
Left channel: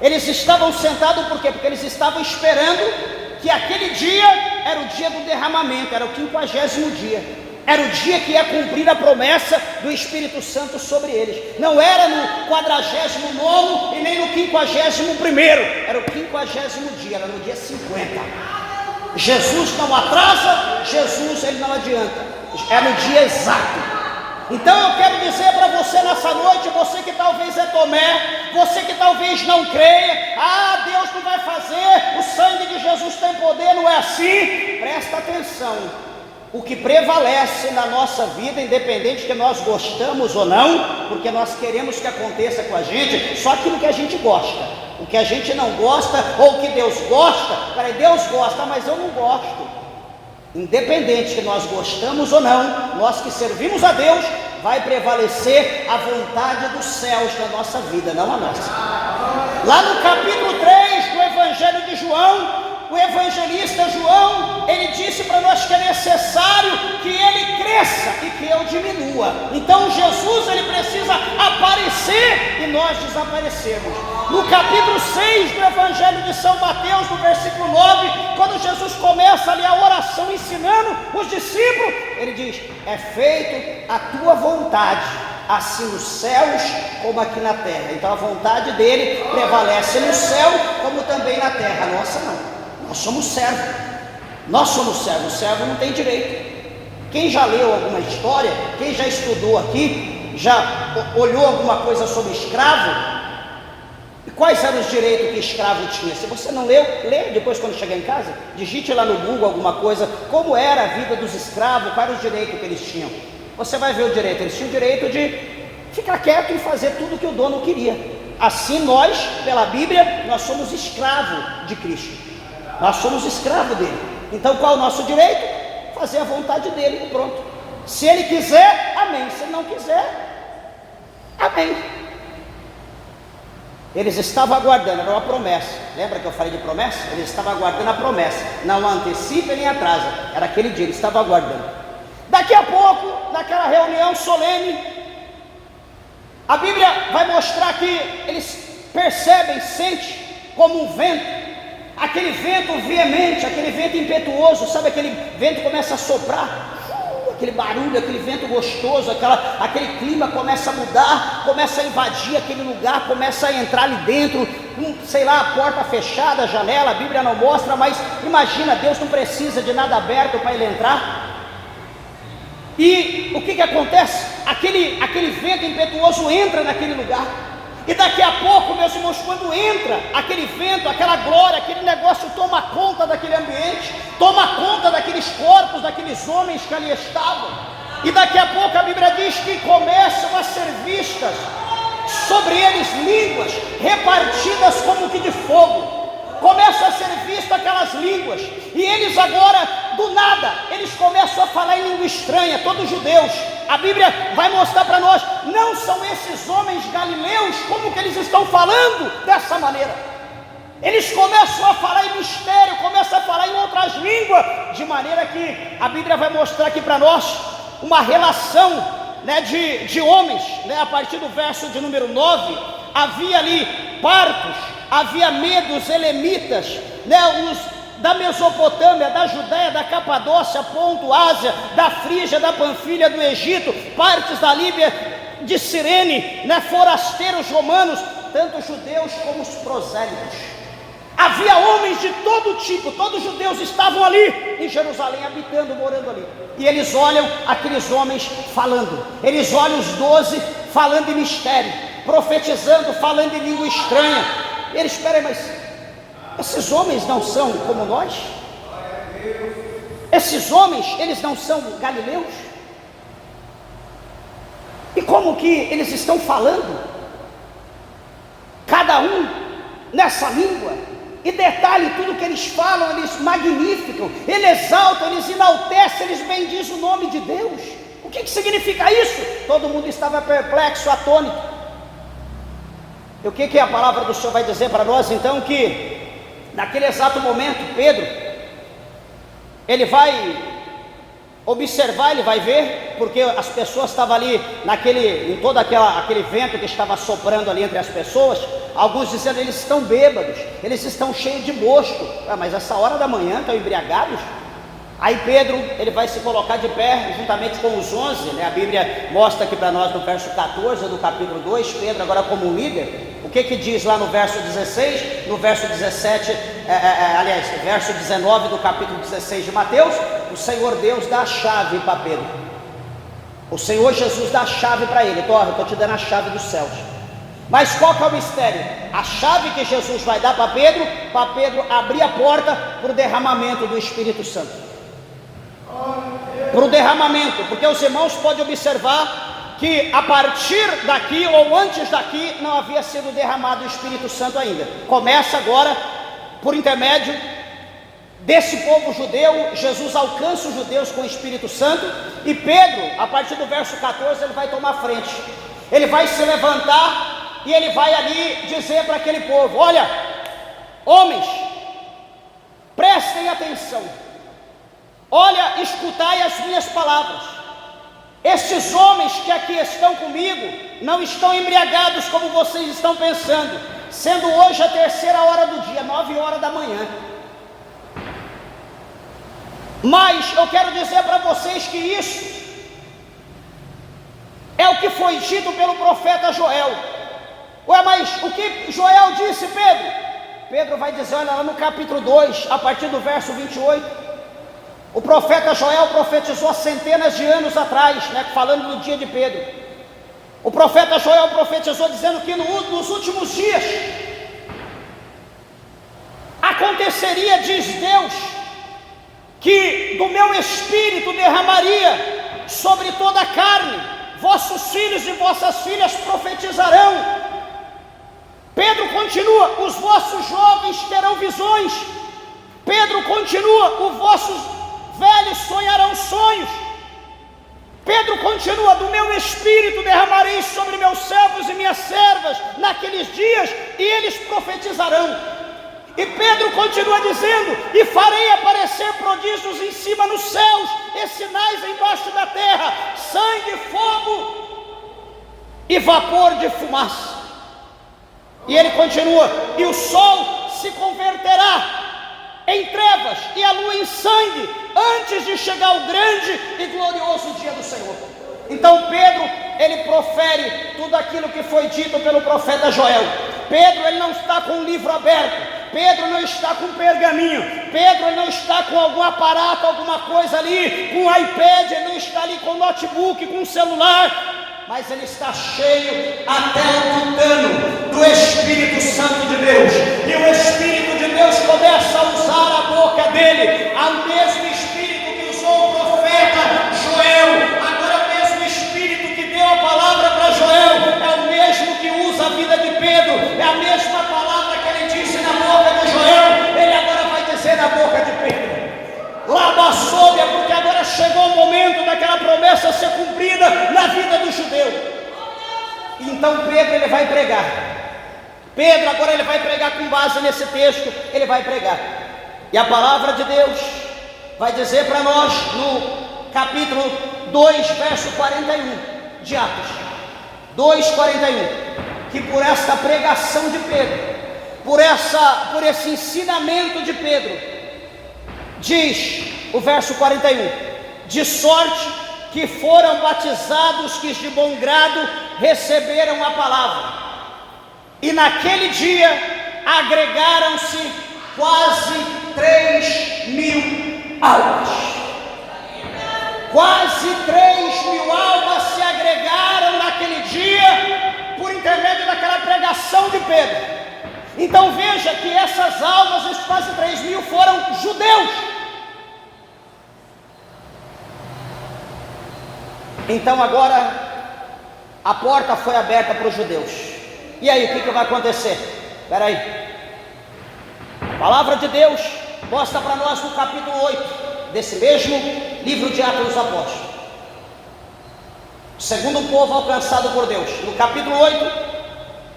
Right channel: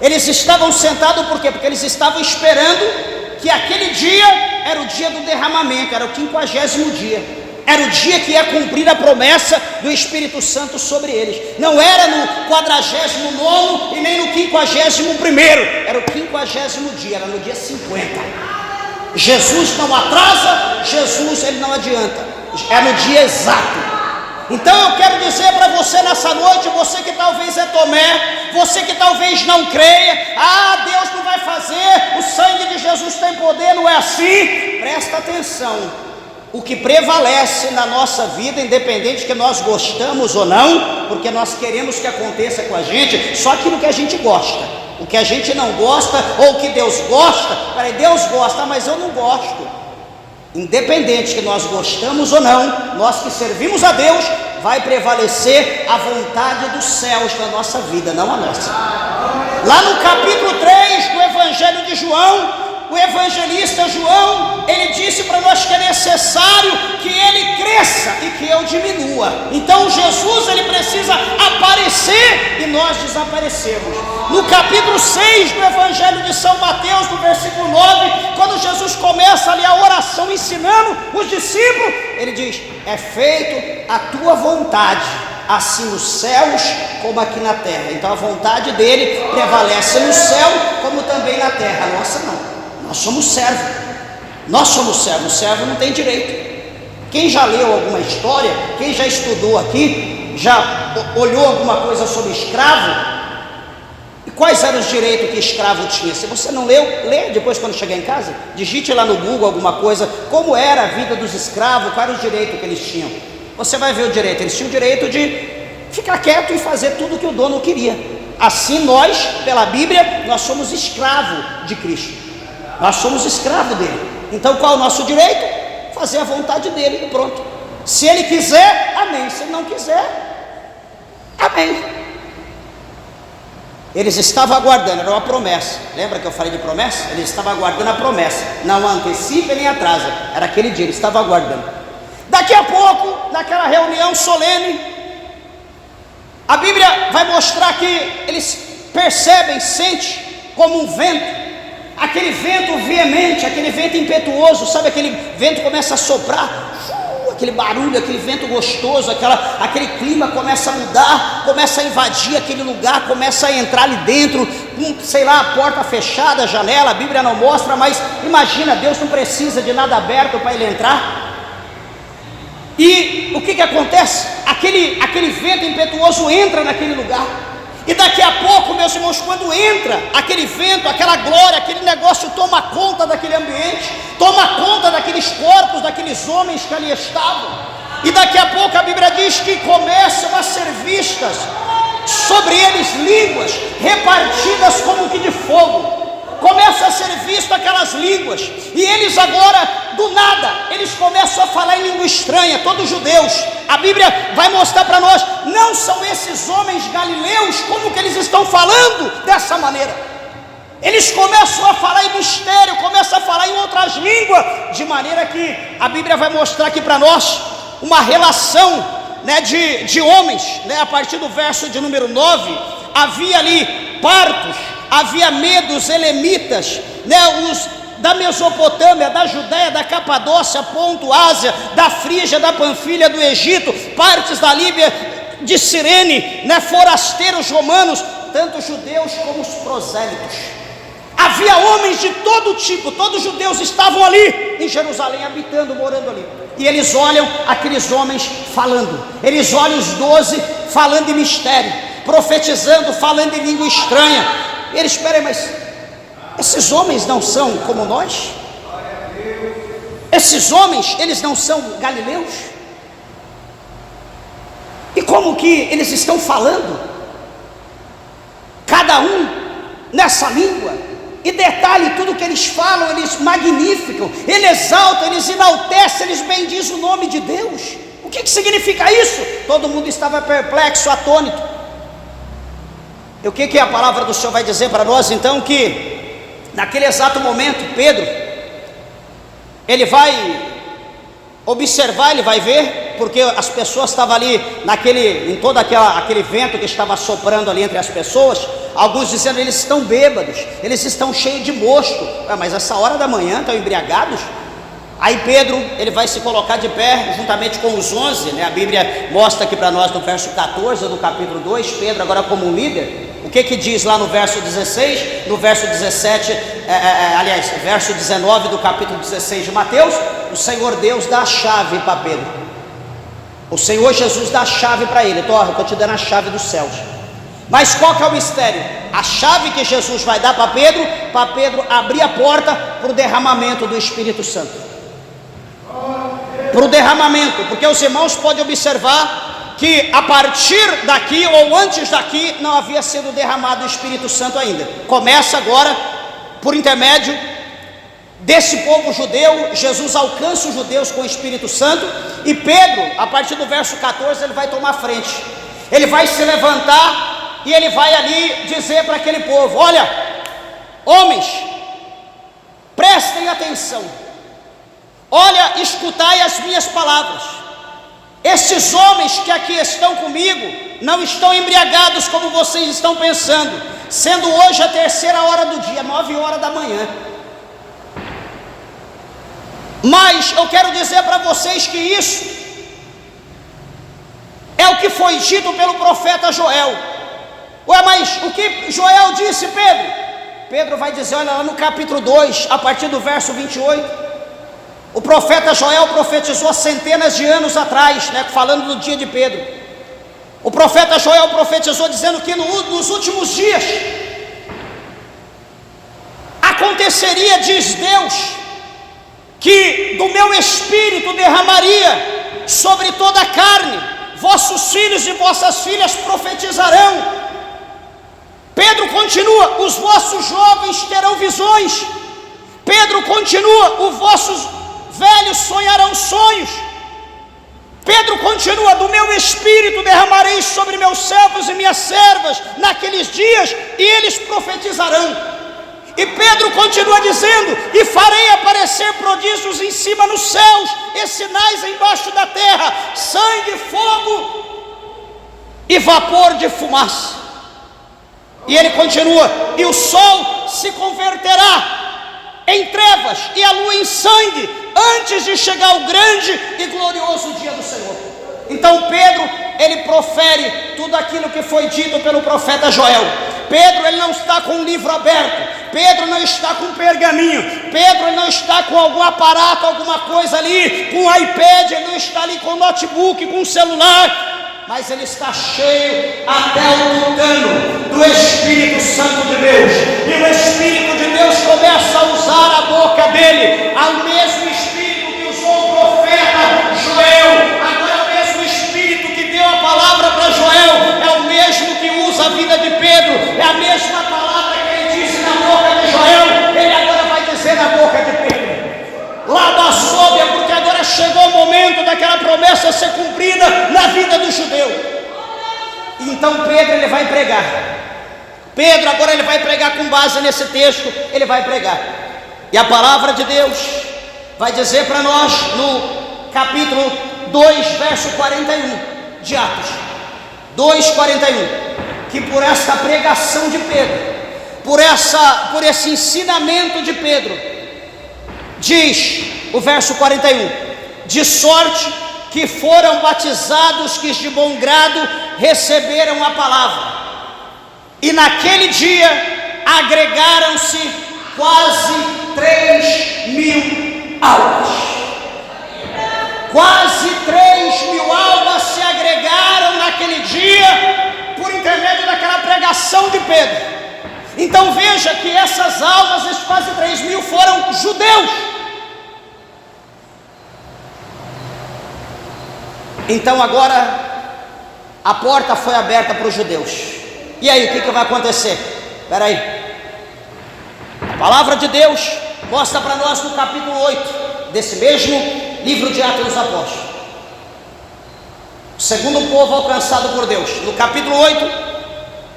Eles estavam sentados por quê? Porque eles estavam esperando que aquele dia era o dia do derramamento, era o 50º dia. Era o dia que ia cumprir a promessa do Espírito Santo sobre eles. Não era no 49º e nem no 51º. Era o 50º dia, era no dia 50. Jesus não atrasa, Jesus ele não adianta. É no dia exato. Então eu quero dizer para você nessa noite, você que talvez é Tomé, você que talvez não creia, Deus não vai fazer, o sangue de Jesus tem poder, não é assim? Presta atenção. O que prevalece na nossa vida, independente que nós gostamos ou não, porque nós queremos que aconteça com a gente, só aquilo que a gente gosta. O que a gente não gosta, ou que Deus gosta, Deus gosta, mas eu não gosto. Independente que nós gostamos ou não, nós que servimos a Deus, vai prevalecer a vontade dos céus na nossa vida, não a nossa. Lá no capítulo 3 do Evangelho de João, o evangelista João, ele disse para nós que é necessário que ele cresça e que eu diminua. Então Jesus, ele precisa aparecer e nós desaparecemos. No capítulo 6 do Evangelho de São Mateus, no versículo 9, quando Jesus começa ali a oração ensinando os discípulos, ele diz: é feito a tua vontade, assim nos céus como aqui na terra. Então a vontade dele prevalece no céu como também na terra. A nossa não. Nós somos servos. Nós somos servos. O servo não tem direito. Quem já leu alguma história, quem já estudou aqui, já olhou alguma coisa sobre escravo, e quais eram os direitos que escravo tinha? Se você não leu, lê depois quando chegar em casa, digite lá no Google alguma coisa, como era a vida dos escravos, quais eram os direitos que eles tinham. Você vai ver o direito. Eles tinham o direito de ficar quieto e fazer tudo o que o dono queria. Assim nós, pela Bíblia, nós somos escravos de Cristo. Nós somos escravos dele. Então qual é o nosso direito? Fazer a vontade dele e pronto. Se ele quiser, amém. Se ele não quiser, amém. Eles estavam aguardando, era uma promessa. Lembra que eu falei de promessa? Eles estavam aguardando a promessa. Não antecipa nem atrasa. Era aquele dia, eles estavam aguardando. Daqui a pouco, naquela reunião solene, a Bíblia vai mostrar que eles percebem, sentem como um vento. Aquele vento veemente, aquele vento impetuoso, sabe, aquele vento começa a soprar, aquele barulho, aquele vento gostoso, aquele clima começa a mudar, começa a invadir aquele lugar, começa a entrar ali dentro, sei lá, a porta fechada, a janela, a Bíblia não mostra, mas imagina, Deus não precisa de nada aberto para ele entrar. E o que acontece? Aquele vento impetuoso entra naquele lugar. E daqui a pouco, meus irmãos, quando entra aquele vento, aquela glória, aquele negócio toma conta daquele ambiente, toma conta daqueles corpos, daqueles homens que ali estavam. E daqui a pouco a Bíblia diz que começam a ser vistas sobre eles línguas repartidas como que de fogo. Começa a ser visto aquelas línguas, e eles agora, do nada, eles começam a falar em língua estranha, todos judeus. A Bíblia vai mostrar para nós, não são esses homens galileus, como que eles estão falando dessa maneira? Eles começam a falar em mistério, começam a falar em outras línguas, de maneira que a Bíblia vai mostrar aqui para nós uma relação, né, de homens, né? A partir do verso de número 9, havia ali partos, havia medos, elemitas, né, os da Mesopotâmia, da Judéia, da Capadócia, Ponto, Ásia, da Frígia, da Panfilha, do Egito, partes da Líbia, de Cirene, né, forasteiros romanos, tanto judeus como os prosélitos. Havia homens de todo tipo, todos os judeus estavam ali em Jerusalém, habitando, morando ali. E eles olham aqueles homens falando, eles olham os 12 falando em mistério, profetizando, falando em língua estranha. Eles, esperem, mas esses homens não são como nós? Esses homens, eles não são galileus? E como que eles estão falando? Cada um nessa língua. E detalhe, tudo que eles falam, eles magnificam, eles exaltam, eles enaltecem, eles bendizem o nome de Deus. O que significa isso? Todo mundo estava perplexo, atônito. E o que a palavra do Senhor vai dizer para nós então? Que naquele exato momento, Pedro, ele vai observar, ele vai ver, porque as pessoas estavam ali, em todo aquele vento que estava soprando ali entre as pessoas, alguns dizendo, eles estão bêbados, eles estão cheios de mosto. Mas essa hora da manhã estão embriagados? Aí Pedro, ele vai se colocar de pé, juntamente com os 11, né? A Bíblia mostra aqui para nós no verso 14 do capítulo 2, Pedro agora como líder. O que diz lá no verso 16, no verso 17, verso 19 do capítulo 16 de Mateus? O Senhor Deus dá a chave para Pedro. O Senhor Jesus dá a chave para ele. Eu estou te dando a chave dos céus. Mas qual que é o mistério? A chave que Jesus vai dar para Pedro abrir a porta para o derramamento do Espírito Santo. Para o derramamento, porque os irmãos podem observar que a partir daqui ou antes daqui não havia sido derramado o Espírito Santo ainda. Começa agora por intermédio desse povo judeu. Jesus alcança os judeus com o Espírito Santo, e Pedro, a partir do verso 14, ele vai tomar frente. Ele vai se levantar e ele vai ali dizer para aquele povo: olha, homens, prestem atenção, olha, escutai as minhas palavras. Esses homens que aqui estão comigo não estão embriagados como vocês estão pensando, sendo hoje a 3ª hora do dia, 9 horas da manhã. Mas eu quero dizer para vocês que isso é o que foi dito pelo profeta Joel. Mas o que Joel disse, Pedro? Pedro vai dizer, olha lá no capítulo 2, a partir do verso 28. O profeta Joel profetizou centenas de anos atrás, né, falando do dia de Pedro. O profeta Joel profetizou dizendo que nos últimos dias aconteceria, diz Deus, que do meu espírito derramaria sobre toda a carne, vossos filhos e vossas filhas profetizarão. Pedro continua, os vossos jovens terão visões. Pedro continua, os vossos velhos sonharão sonhos. Pedro continua, do meu espírito derramarei sobre meus servos e minhas servas naqueles dias, e eles profetizarão. E Pedro continua dizendo, e farei aparecer prodígios em cima nos céus, e sinais embaixo da terra, sangue, fogo e vapor de fumaça. E ele continua, e o sol se converterá em trevas e a lua em sangue, antes de chegar o grande e glorioso dia do Senhor. Então Pedro, ele profere tudo aquilo que foi dito pelo profeta Joel. Pedro, ele não está com um livro aberto. Pedro não está com um pergaminho. Pedro, ele não está com algum aparato, alguma coisa ali, com um iPad. Ele não está ali com um notebook, com um celular, mas ele está cheio até o tutano do Espírito Santo de Deus. E o Espírito de Deus começa a usar a boca dele, ao mesmo Espírito que usou o profeta Joel. Agora o mesmo Espírito que deu a palavra para Joel é o mesmo que usa a vida de Pedro. É a mesma palavra que ele disse na boca de Joel, ele agora vai dizer na boca de Pedro. Lá da Sôbia, porque agora chegou o momento daquela promessa ser cumprida na vida do judeu. Então Pedro, ele vai pregar. Pedro agora ele vai pregar com base nesse texto. Ele vai pregar, e a palavra de Deus vai dizer para nós no capítulo 2, verso 41 de Atos 2:41, que por essa pregação de Pedro, por esse ensinamento de Pedro, diz o verso 41, de sorte que foram batizados que de bom grado receberam a palavra. E naquele dia agregaram-se quase 3.000 almas. Quase 3.000 almas se agregaram naquele dia por intermédio daquela pregação de Pedro. Então veja que essas almas, esses quase 3.000, foram judeus. Então agora a porta foi aberta para os judeus. E aí, o que vai acontecer? Espera aí. A palavra de Deus mostra para nós no capítulo 8 desse mesmo livro de Atos dos Apóstolos, o segundo povo alcançado por Deus. No capítulo 8,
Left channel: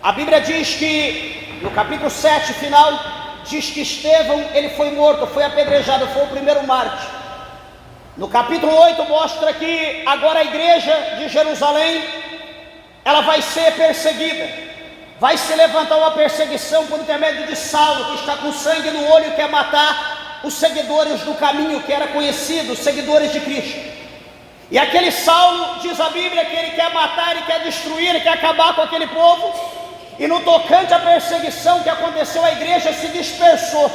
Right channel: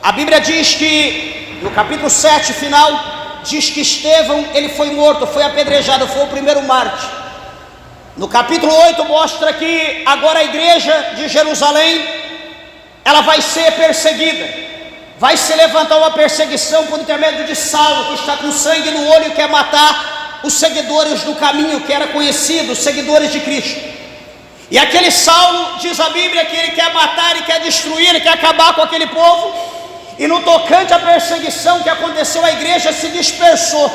a Bíblia diz que, no capítulo 7 final, diz que Estevão, ele foi morto, foi apedrejado, foi o primeiro mártir. No capítulo 8 mostra que agora a igreja de Jerusalém, ela vai ser perseguida. Vai se levantar uma perseguição por intermédio de Saulo, que está com sangue no olho e quer matar os seguidores do caminho, que era conhecido, os seguidores de Cristo. E aquele Saulo, diz a Bíblia, que ele quer matar, ele quer destruir, ele quer acabar com aquele povo. E no tocante à perseguição que aconteceu, a igreja se dispersou.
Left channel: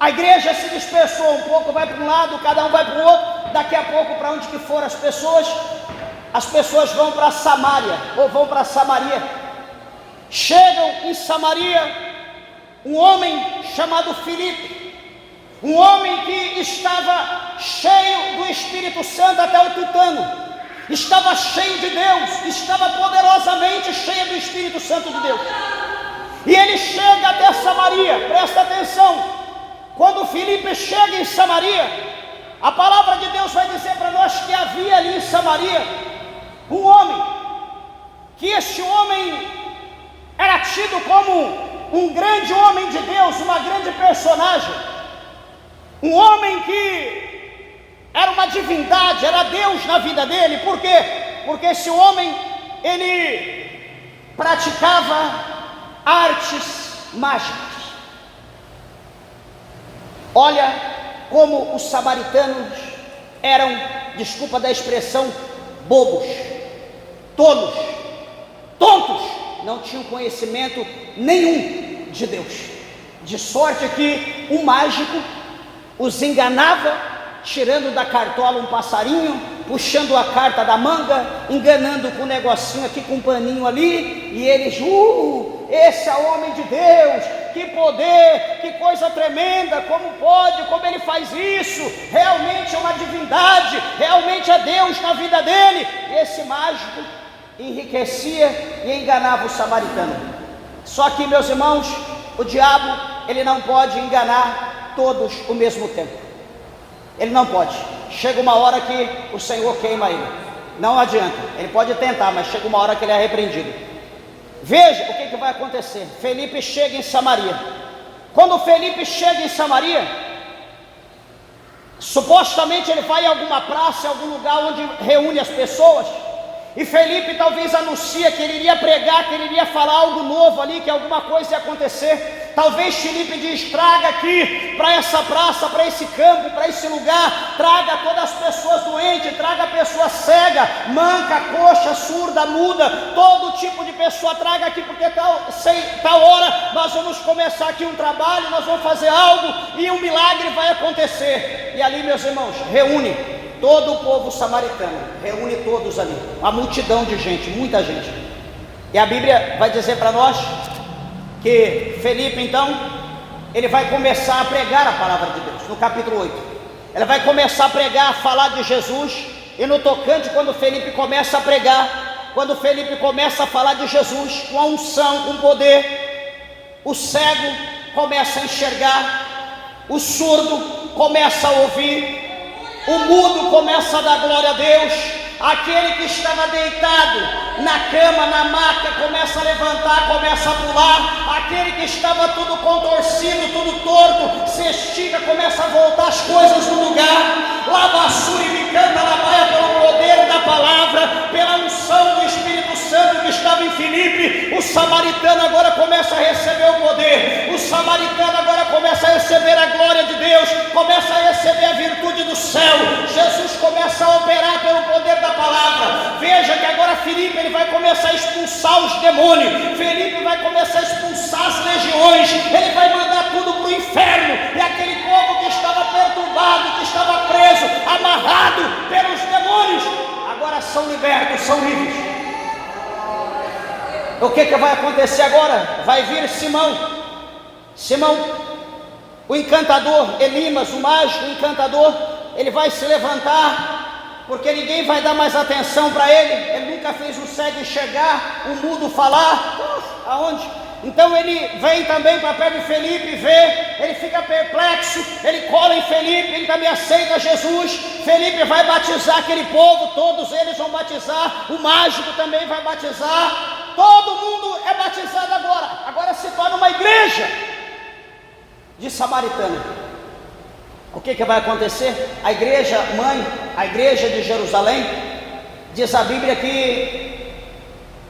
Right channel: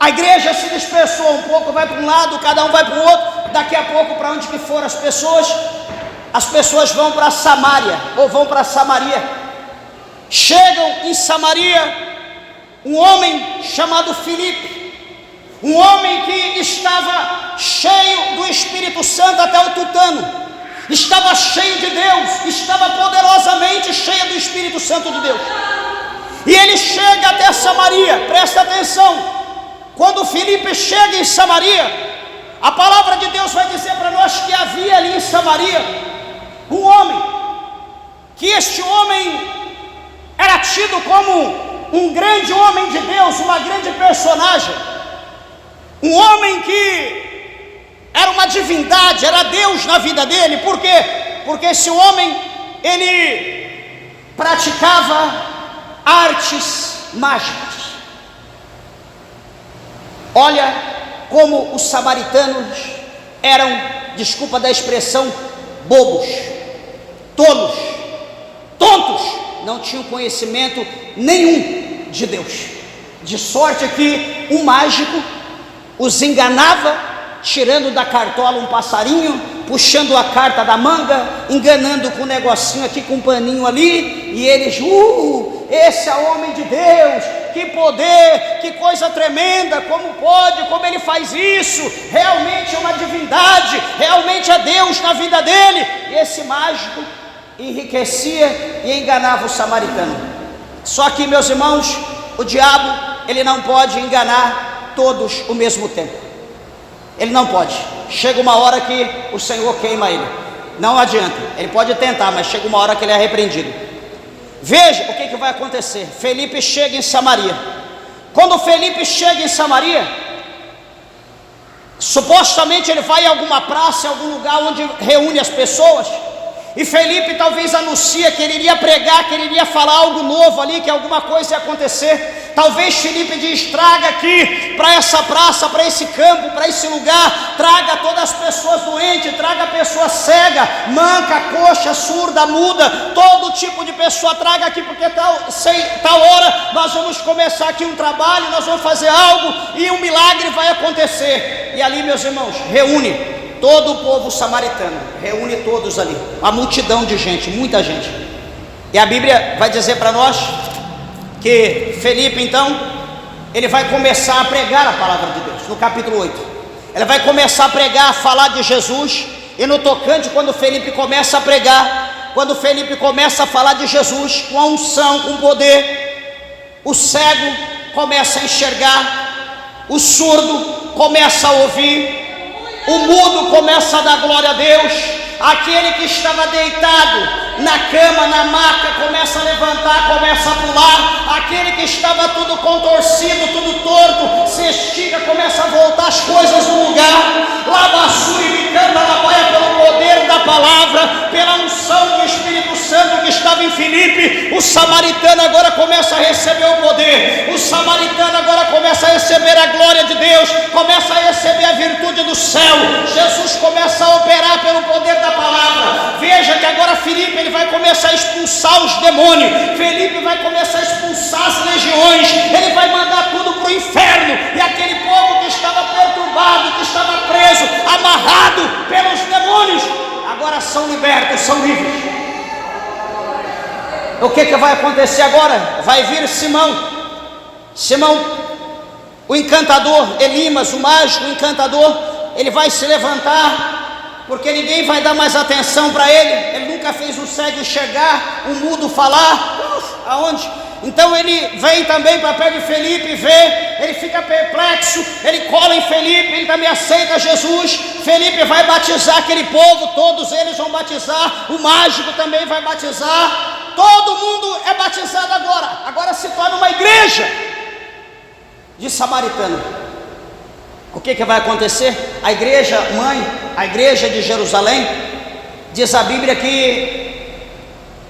A igreja se dispersou, um pouco vai para um lado, cada um vai para o outro. Daqui a pouco, para onde que foram as pessoas vão para Samaria, ou vão para Samaria. Chegam em Samaria um homem chamado Filipe, um homem que estava cheio do Espírito Santo até o tutano, estava cheio de Deus, estava poderosamente cheio do Espírito Santo de Deus. E ele chega até Samaria, presta atenção, quando Filipe chega em Samaria, a palavra de Deus vai dizer para nós que havia ali em Samaria um homem, que este homem era tido como um grande homem de Deus, uma grande personagem, um homem que era uma divindade, era Deus na vida dele. Por quê? Porque esse homem, ele praticava artes mágicas. Olha como os samaritanos eram, desculpa da expressão, bobos, tolos, tontos, não tinham conhecimento nenhum de Deus, de sorte que um mágico os enganava, tirando da cartola um passarinho, puxando a carta da manga, enganando com um negocinho aqui, com um paninho ali, e eles, esse é homem de Deus, que poder, que coisa tremenda, como pode, como ele faz isso, realmente é uma divindade, realmente é Deus na vida dele. E esse mágico enriquecia e enganava o samaritano. Só que, meus irmãos, o diabo, ele não pode enganar todos ao mesmo tempo. Ele não pode. Chega uma hora que o Senhor queima ele. Não adianta. Ele pode tentar, mas chega uma hora que ele é repreendido. Veja o que vai acontecer. Felipe chega em Samaria. Quando Felipe chega em Samaria, supostamente ele vai em alguma praça, em algum lugar onde reúne as pessoas. E Felipe talvez anuncia que ele iria pregar, que ele iria falar algo novo ali, que alguma coisa ia acontecer. Talvez Felipe diz: traga aqui para essa praça, para esse campo, para esse lugar, traga todas as pessoas doentes, traga a pessoa cega, manca, coxa, surda, muda, todo tipo de pessoa, traga aqui, porque tal hora nós vamos começar aqui um trabalho, nós vamos fazer algo e um milagre vai acontecer. E ali, meus irmãos, reúne todo o povo samaritano, reúne todos ali, uma multidão de gente, muita gente. E a Bíblia vai dizer para nós que Felipe, então, ele vai começar a pregar a palavra de Deus. No capítulo 8, ele vai começar a pregar, a falar de Jesus. E no tocante, quando Felipe começa a pregar, quando Felipe começa a falar de Jesus, com a unção, com poder, o cego começa a enxergar, o surdo começa a ouvir, o mudo começa a dar glória a Deus, aquele que estava deitado na cama, na maca, começa a levantar, começa a pular, aquele que estava tudo contorcido, tudo torto, se estica, começa a voltar as coisas no lugar. Labassuri Vicanda Labaia, pelo poder da palavra, pela unção do Espírito Santo que estava em Filipe, o samaritano agora começa a receber o poder, o samaritano agora começa a receber a glória de Deus, começa a receber a virtude do céu. Jesus começa a operar pelo poder da palavra. Veja que agora Filipe, ele vai começar a expulsar os demônios, Filipe vai começar a expulsar as legiões, ele vai mandar tudo para o inferno, e aquele povo que estava perturbado, que estava preso, amarrado pelos demônios, agora são libertos, são livres. O que vai acontecer agora? Vai vir Simão, o encantador, Elimas, o mágico, o encantador, ele vai se levantar, porque ninguém vai dar mais atenção para ele nunca fez o cego enxergar, o mudo falar, aonde? Então ele vem também para perto de Felipe, vê, ele fica perplexo, ele cola em Felipe, ele também aceita Jesus. Felipe vai batizar aquele povo, todos eles vão batizar, o mágico também vai batizar, todo mundo é batizado agora se torna uma igreja de samaritano. O que vai acontecer? A igreja mãe, a igreja de Jerusalém, diz a Bíblia que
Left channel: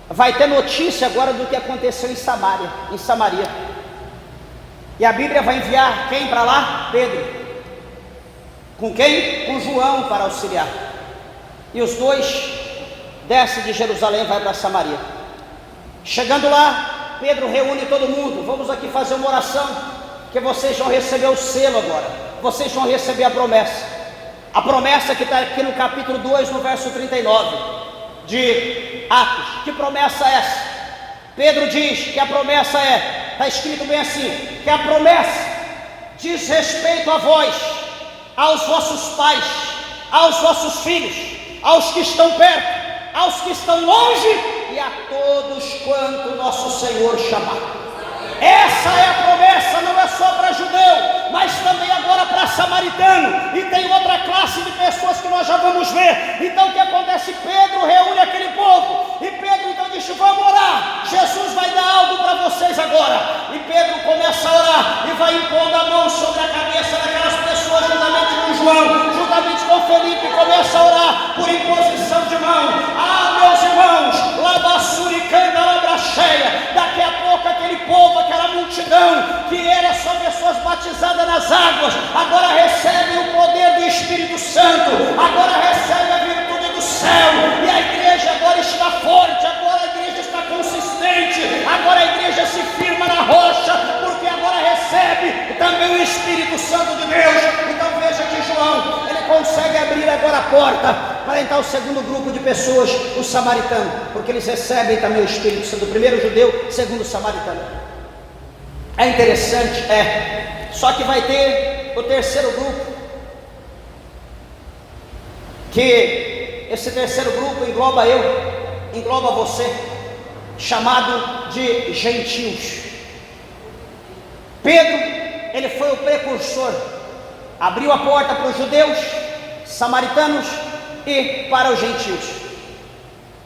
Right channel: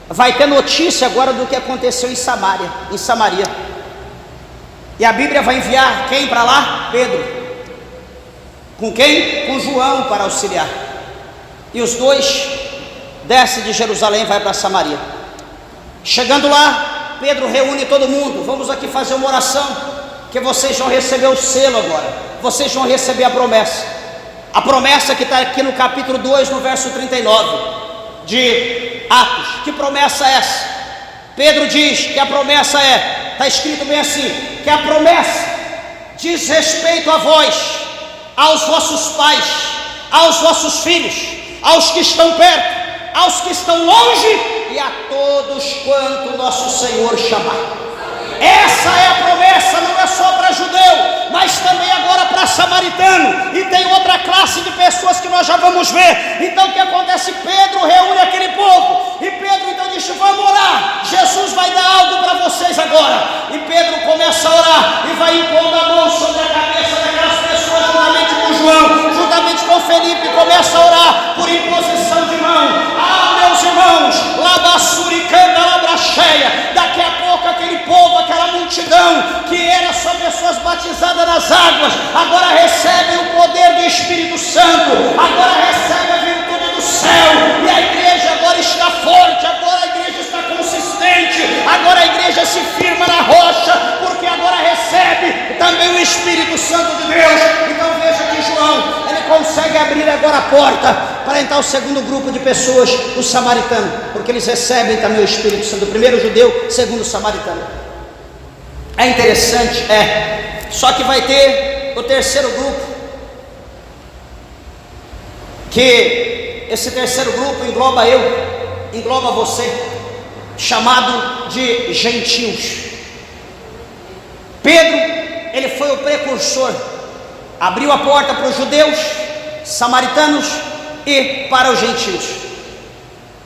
vai ter notícia agora do que aconteceu em Samaria. E a Bíblia vai enviar quem para lá? Pedro. Com quem? Com João para auxiliar. E os dois descem de Jerusalém e vai para Samaria. Chegando lá, Pedro reúne todo mundo. Vamos aqui fazer uma oração, que vocês vão receber o selo agora. Vocês vão receber a promessa. A promessa que está aqui no capítulo 2, no verso 39 de Atos. Que promessa é essa? Pedro diz que a promessa está escrito bem assim, que a promessa diz respeito a vós, aos vossos pais, aos vossos filhos, aos que estão perto, aos que estão longe e a todos quanto nosso Senhor chamar. Essa é a promessa, não é só para judeu, mas também agora para samaritano, e tem outra classe de pessoas que nós já vamos ver. Então o que acontece? Pedro reúne aquele povo, e Pedro então diz: vamos orar, Jesus vai dar algo para vocês agora. E Pedro começa a orar, e vai impondo a mão sobre a cabeça daquelas pessoas, juntamente com João, juntamente com Felipe, começa a orar por imposição de mão. Meus irmãos, labassuricanda, labracheia, daqui a pouco aquele povo, aquela multidão que era só pessoas batizadas nas águas, agora recebem o poder do Espírito Santo, agora recebem a virtude do céu, e a igreja agora está forte, agora a igreja está consistente, agora a igreja se firma na rocha, porque agora recebe também o Espírito Santo de Deus. Então veja que João, ele consegue abrir agora a porta para entrar o segundo grupo de pessoas, os samaritanos, porque eles recebem também o Espírito Santo, o primeiro judeu, segundo o samaritano. É interessante, só que vai ter o terceiro grupo, que esse terceiro grupo engloba engloba você, chamado de gentios. Pedro, ele foi o precursor, abriu a porta para os judeus, samaritanos e para os gentios.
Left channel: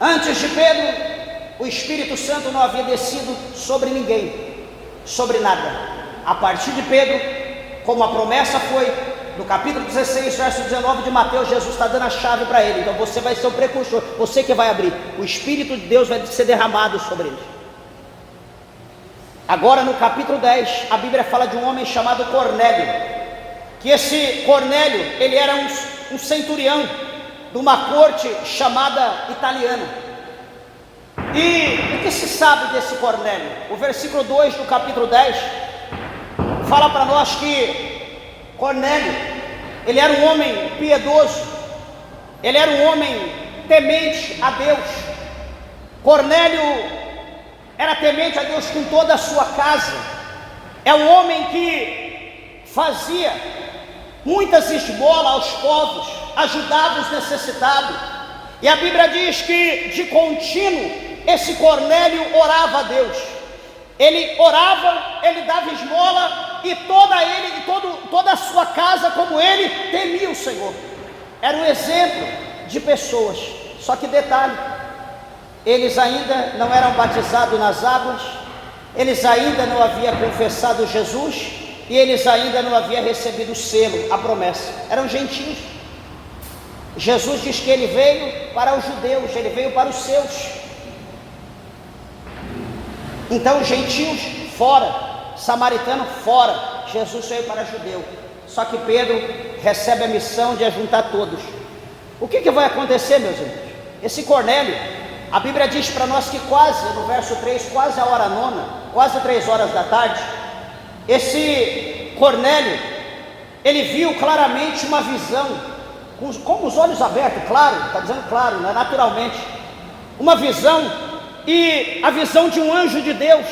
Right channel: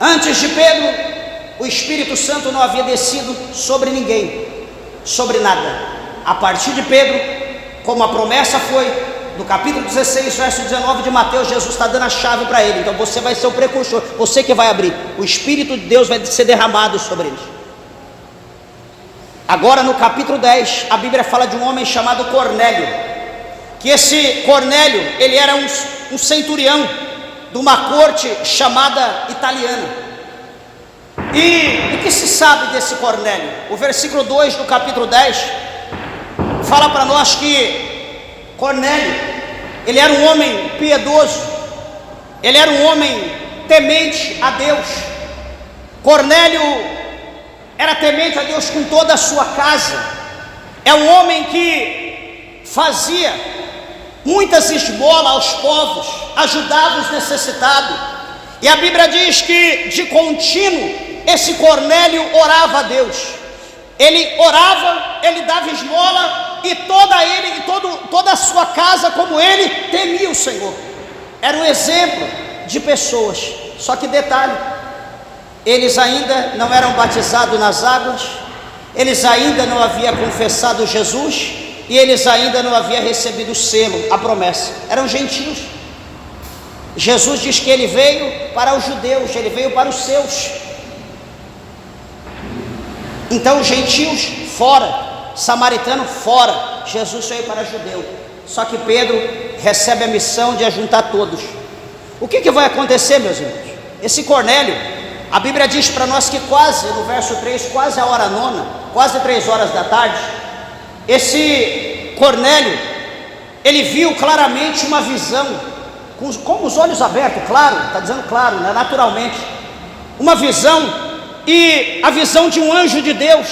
Antes de Pedro, o Espírito Santo não havia descido sobre ninguém, sobre nada. A partir de Pedro, como a promessa foi no capítulo 16, verso 19 de Mateus, Jesus está dando a chave para ele. Então você vai ser o precursor, você que vai abrir. O Espírito de Deus vai ser derramado sobre eles. Agora no capítulo 10, a Bíblia fala de um homem chamado Cornélio, que esse Cornélio, ele era um centurião de uma corte chamada italiana. E o que se sabe desse Cornélio? O versículo 2 do capítulo 10 fala para nós que Cornélio, ele era um homem piedoso, ele era um homem temente a Deus. Cornélio era temente a Deus com toda a sua casa. É um homem que fazia muitas esmolas aos povos, ajudava os necessitados. E a Bíblia diz que de contínuo esse Cornélio orava a Deus. Ele orava, ele dava esmola, e toda a sua casa, como ele, temia o Senhor. Era um exemplo de pessoas. Só que detalhe, eles ainda não eram batizados nas águas, eles ainda não haviam confessado Jesus, e eles ainda não haviam recebido o selo, a promessa. Eram gentios. Jesus diz que ele veio para os judeus, ele veio para os seus. Então os gentios fora, samaritano fora, Jesus veio para judeu. Só que Pedro recebe a missão de ajuntar todos. O que vai acontecer, meus irmãos? Esse Cornélio, a Bíblia diz para nós que quase, no verso 3, quase a hora nona, quase 3 horas da tarde, esse Cornélio, ele viu claramente uma visão, com os olhos abertos, claro, está dizendo claro, né, naturalmente, uma visão, e a visão de um anjo de Deus.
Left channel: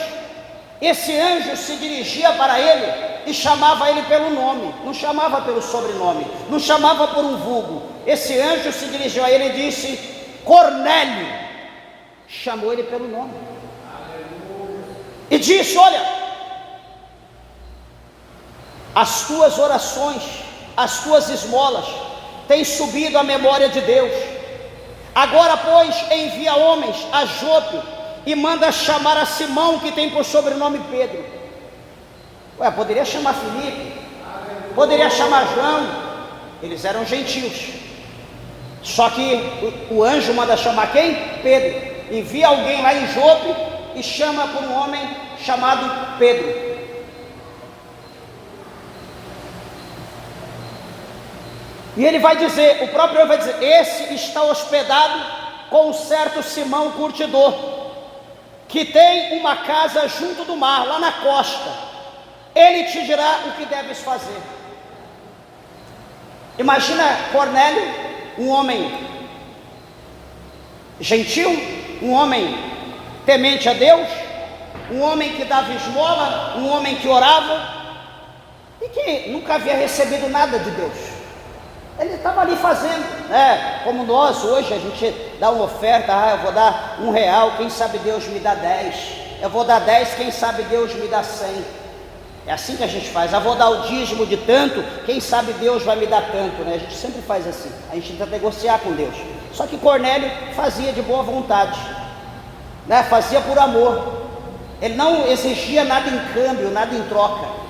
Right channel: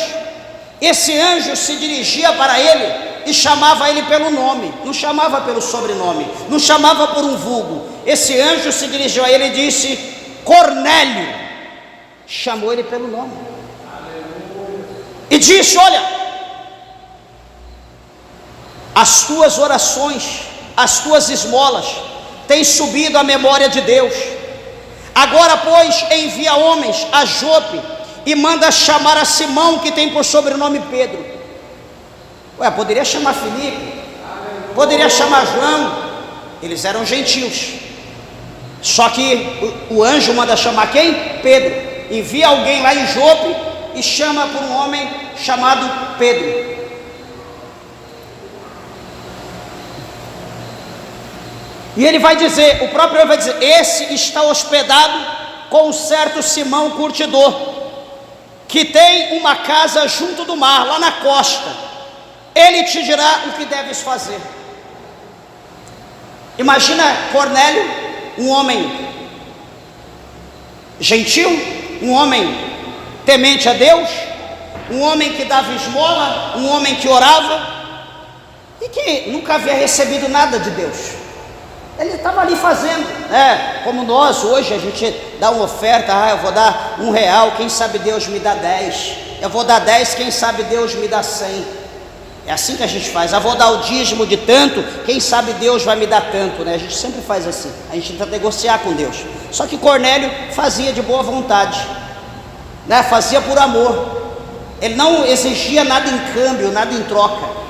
Esse anjo se dirigia para ele e chamava ele pelo nome, não chamava pelo sobrenome, não chamava por um vulgo. Esse anjo se dirigiu a ele e disse: Cornélio. Chamou ele pelo nome e disse: olha, as tuas orações, as tuas esmolas têm subido à memória de Deus. Agora, pois, envia homens a Jope e manda chamar a Simão, que tem por sobrenome Pedro. Poderia chamar Felipe, Poderia chamar João, eles eram gentios. Só que o anjo manda chamar quem? Pedro. Envia alguém lá em Jope e chama por um homem chamado Pedro. E ele vai dizer, o próprio vai dizer: esse está hospedado com um certo Simão curtidor, que tem uma casa junto do mar, lá na costa. Ele te dirá o que deves fazer. Imagina Cornélio, um homem gentil, um homem temente a Deus, um homem que dava esmola, um homem que orava e que nunca havia recebido nada de Deus. Ele estava ali fazendo, como nós hoje, a gente dá uma oferta: eu vou dar R$1, quem sabe Deus me dá 10, eu vou dar 10, quem sabe Deus me dá 100, é assim que a gente faz. Eu vou dar o dízimo de tanto, quem sabe Deus vai me dar tanto, A gente sempre faz assim, a gente tenta negociar com Deus. Só que Cornélio fazia de boa vontade, fazia por amor, ele não exigia nada em câmbio, nada em troca.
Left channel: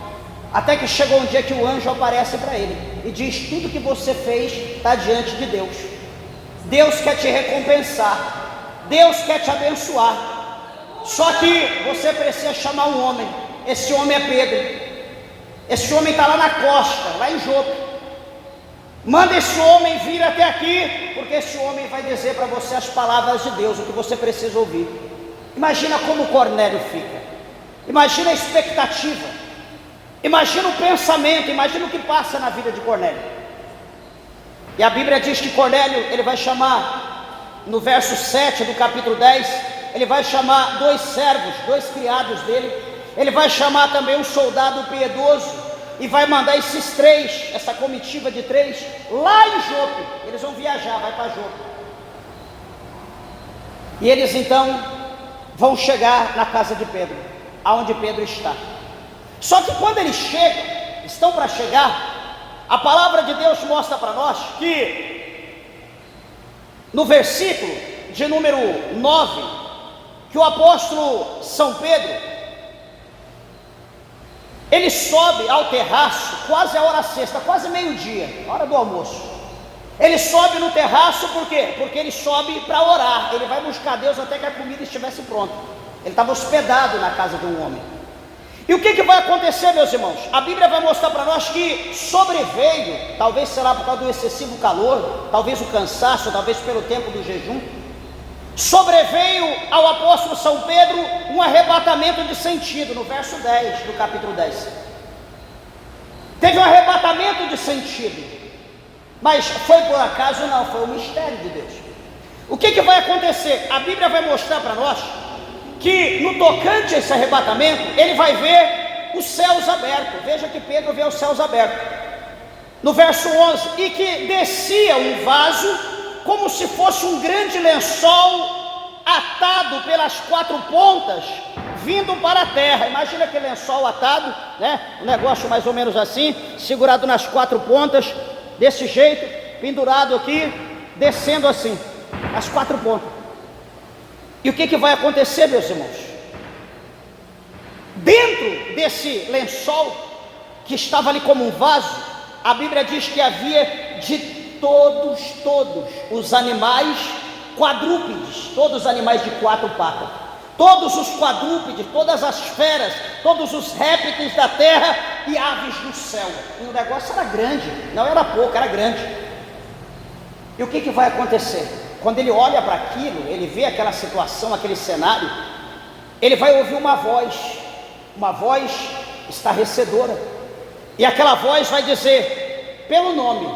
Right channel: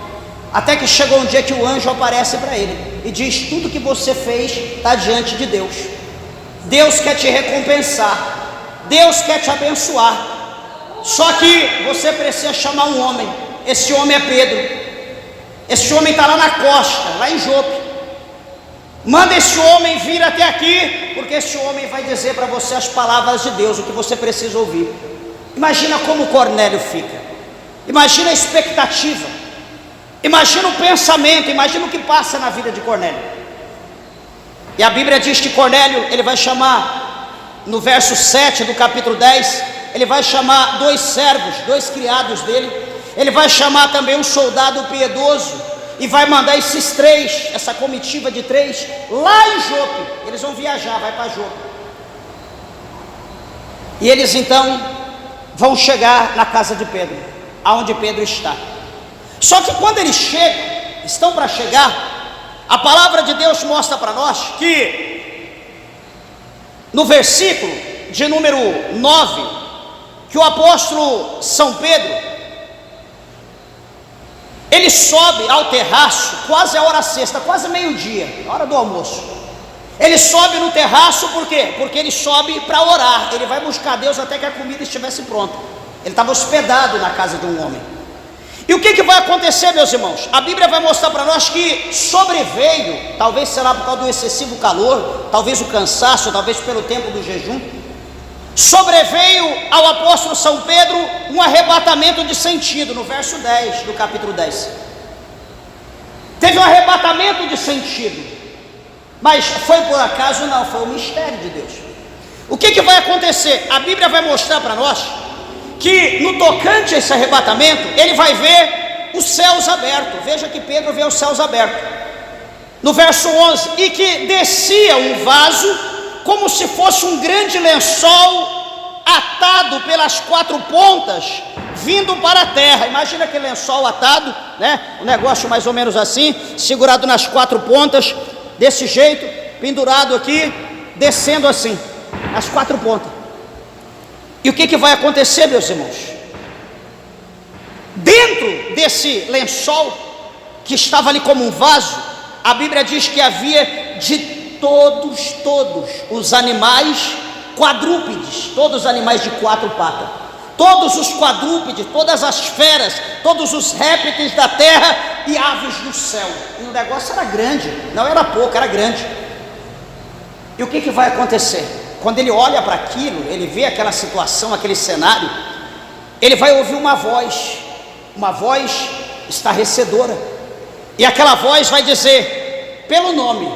Até que chegou um dia que o anjo aparece para ele e diz: tudo que você fez está diante de Deus. Deus quer te recompensar, Deus quer te abençoar. Só que você precisa chamar um homem. Esse homem é Pedro. Esse homem está lá na costa, lá em Jope. Manda esse homem vir até aqui, porque esse homem vai dizer para você as palavras de Deus, o que você precisa ouvir. Imagina como Cornélio fica, imagina a expectativa, imagina o pensamento, imagina o que passa na vida de Cornélio. E a Bíblia diz que Cornélio, ele vai chamar, no verso 7 do capítulo 10, ele vai chamar 2 servos, 2 criados dele, ele vai chamar também um soldado piedoso, e vai mandar esses 3, essa comitiva de 3, lá em Jope. Eles vão viajar, vai para Jope. E eles então vão chegar na casa de Pedro, aonde Pedro está. Só que quando eles chegam, estão para chegar, a palavra de Deus mostra para nós que no versículo de número 9, que o apóstolo São Pedro, ele sobe ao terraço, quase a hora sexta, quase meio-dia, hora do almoço. Ele sobe no terraço, por quê? Porque ele sobe para orar, ele vai buscar Deus até que a comida estivesse pronta. Ele estava hospedado na casa de um homem. E o que vai acontecer, meus irmãos? A Bíblia vai mostrar para nós que sobreveio, talvez será por causa do excessivo calor, talvez o cansaço, talvez pelo tempo do jejum, sobreveio ao apóstolo São Pedro um arrebatamento de sentido, no verso 10 do capítulo 10. Teve um arrebatamento de sentido, mas foi por acaso? Não, foi um mistério de Deus. O que vai acontecer? A Bíblia vai mostrar para nós que no tocante a esse arrebatamento, ele vai ver os céus abertos. Veja que Pedro vê os céus abertos. No verso 11, e que descia um vaso, como se fosse um grande lençol atado pelas 4 pontas, vindo para a terra. Imagina aquele lençol atado, um negócio mais ou menos assim, segurado nas 4 pontas, desse jeito, pendurado aqui, descendo assim, nas 4 pontas. E o que vai acontecer, meus irmãos? Dentro desse lençol, que estava ali como um vaso, a Bíblia diz que havia de todos os animais quadrúpedes, todos os animais de 4 patas, todos os quadrúpedes, todas as feras, todos os répteis da terra e aves do céu. E o negócio era grande, não era pouco, era grande. E o que vai acontecer? Quando ele olha para aquilo, ele vê aquela situação, aquele cenário, ele vai ouvir uma voz estarrecedora, e aquela voz vai dizer, pelo nome:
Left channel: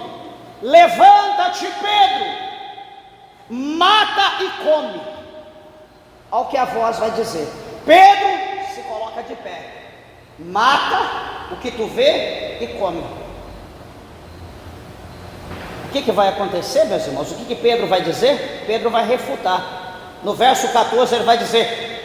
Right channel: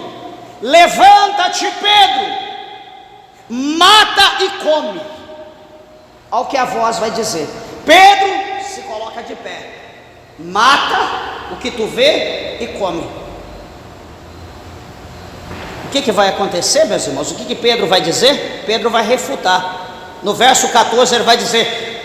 levanta-te, Pedro, mata e come. Olha o que a voz vai dizer. Pedro se coloca de pé, mata o que tu vê e come. O que vai acontecer, meus irmãos? O que Pedro vai dizer? Pedro vai refutar. No verso 14 ele vai dizer:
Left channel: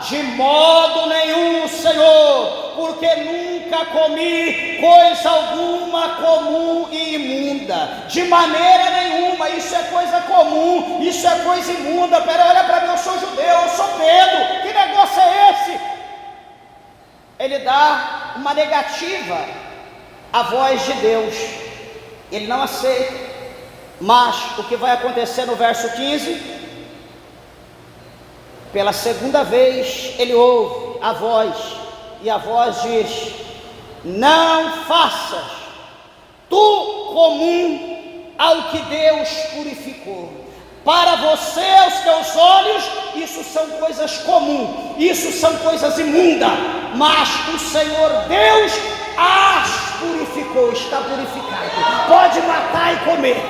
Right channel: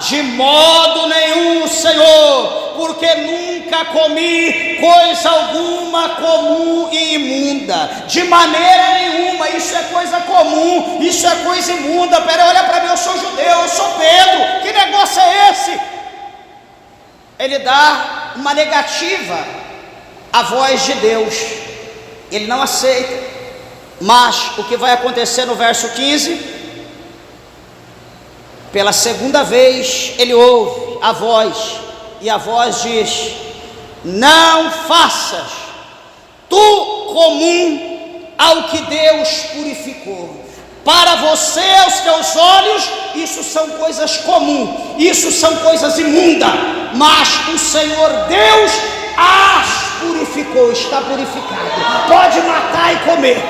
de modo nenhum, Senhor, porque nunca comi coisa alguma comum e imunda. De maneira nenhuma, isso é coisa comum, isso é coisa imunda. Pera, olha para mim, eu sou judeu, eu sou Pedro, que negócio é esse? Ele dá uma negativa a voz de Deus, ele não aceita. Mas o que vai acontecer no verso 15? Pela segunda vez ele ouve a voz, e a voz diz: não faças tu comum ao que Deus purificou. Para você, aos teus olhos, isso são coisas comuns, isso são coisas imundas, mas o Senhor Deus as purificou, está purificado, pode matar e comer.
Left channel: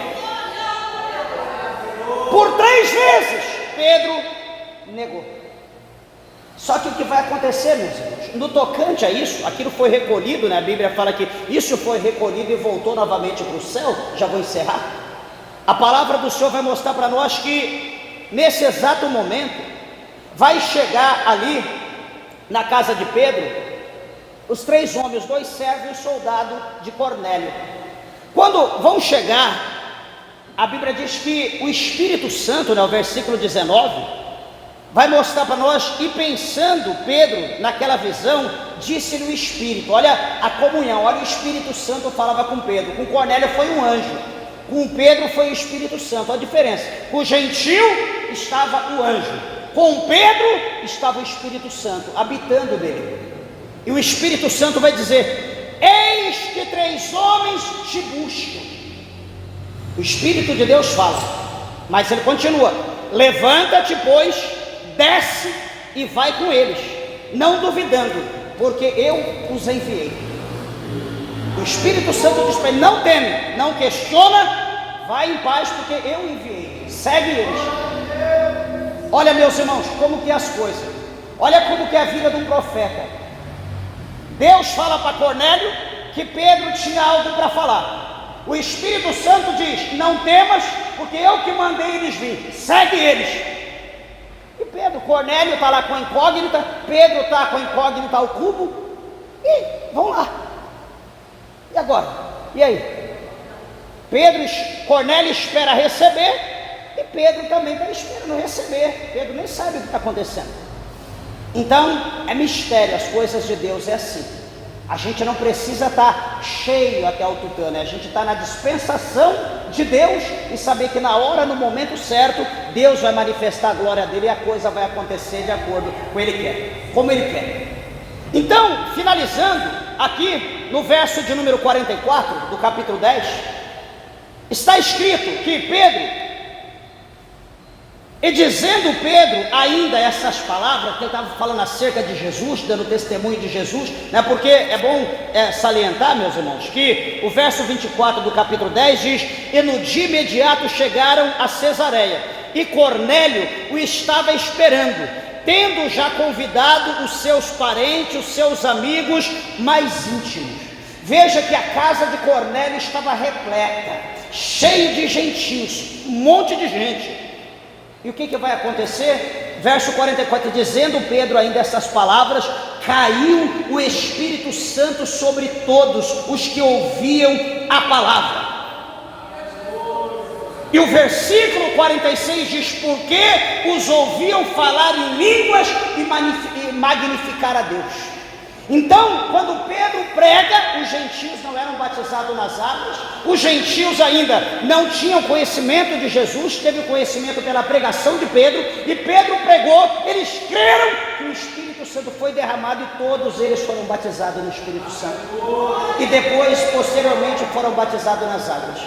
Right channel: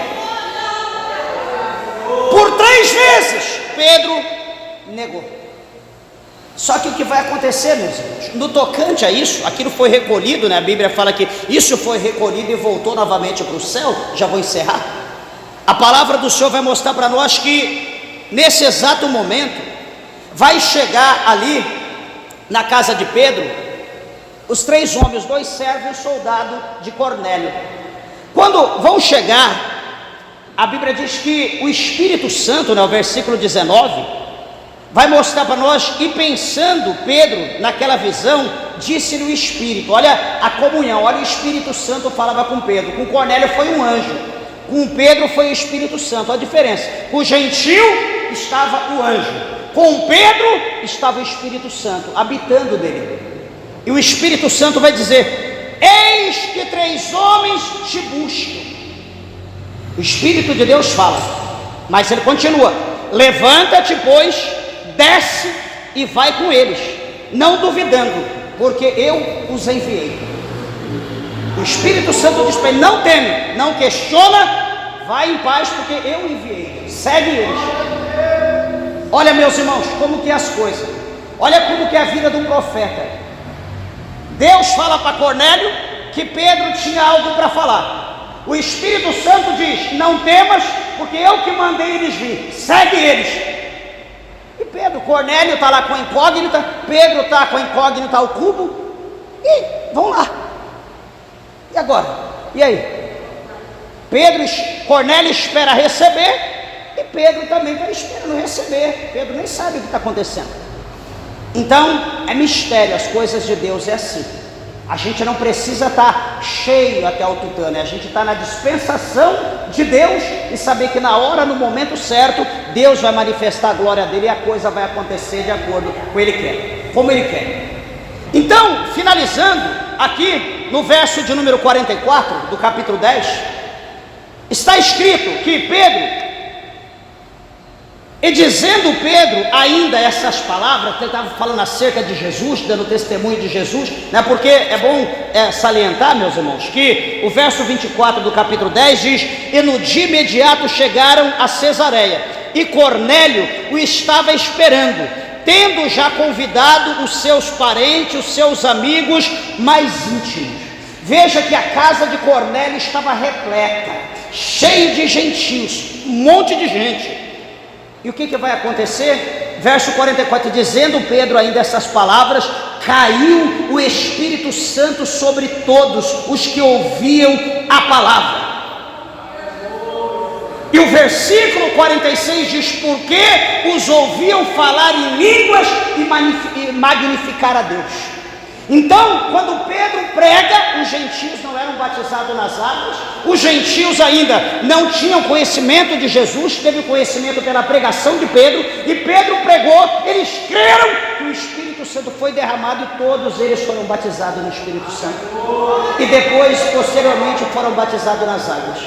Por 3 vezes Pedro negou. Só que o que vai acontecer, meus irmãos, no tocante a isso, aquilo foi recolhido, né? A Bíblia fala que isso foi recolhido e voltou novamente para o céu. Já vou encerrar. A palavra do Senhor vai mostrar para nós que nesse exato momento vai chegar ali na casa de Pedro os 3 homens, 2 servos e um soldado de Cornélio. Quando vão chegar, a Bíblia diz que o Espírito Santo, no versículo 19, vai mostrar para nós, e pensando Pedro naquela visão, disse-lhe o Espírito, olha a comunhão, olha o Espírito Santo falava com Pedro. Com Cornélio foi um anjo, com Pedro foi o Espírito Santo. Olha a diferença, com o gentil estava o anjo, com Pedro estava o Espírito Santo habitando dele. E o Espírito Santo vai dizer: eis que 3 homens te buscam. O Espírito de Deus fala, mas ele continua: levanta-te, pois, desce e vai com eles, não duvidando, porque eu os enviei. O Espírito Santo diz para ele: não teme, não questiona, vai em paz, porque eu enviei, segue eles. Olha, meus irmãos, como que é as coisas, olha como que é a vida do profeta. Deus fala para Cornélio que Pedro tinha algo para falar. O Espírito Santo diz: não temas, porque eu que mandei eles vir, segue eles. E Pedro, Cornélio está lá com a incógnita, Pedro está com a incógnita ao cubo, e vão lá. E agora? E aí? Cornélio espera receber, e Pedro também está esperando receber. Pedro nem sabe o que está acontecendo. Então, é mistério, as coisas de Deus é assim. A gente não precisa estar cheio até o tutano, a gente está na dispensação de Deus e saber que na hora, no momento certo, Deus vai manifestar a glória dele e a coisa vai acontecer de acordo com o que ele quer, como ele quer. Então, finalizando aqui no verso de número 44 do capítulo 10, está escrito que Pedro, e dizendo Pedro ainda essas palavras, que ele estava falando acerca de Jesus, dando testemunho de Jesus, né? Porque é bom salientar, meus irmãos, que o verso 24 do capítulo 10 diz: e no dia imediato chegaram a Cesareia, e Cornélio o estava esperando, tendo já convidado os seus parentes, os seus amigos mais íntimos. Veja que a casa de Cornélio estava repleta, cheia de gentios, um monte de gente. E o que vai acontecer? Verso 44, dizendo Pedro ainda essas palavras, caiu o Espírito Santo sobre todos os que ouviam a palavra. E o versículo 46 diz: porque os ouviam falar em línguas e magnificar a Deus. Então, quando Pedro prega, os gentios não eram batizados nas águas, os gentios ainda não tinham conhecimento de Jesus, teve conhecimento pela pregação de Pedro, e Pedro pregou, eles creram que o Espírito Santo foi derramado e todos eles foram batizados no Espírito Santo, e depois, posteriormente, foram batizados nas águas.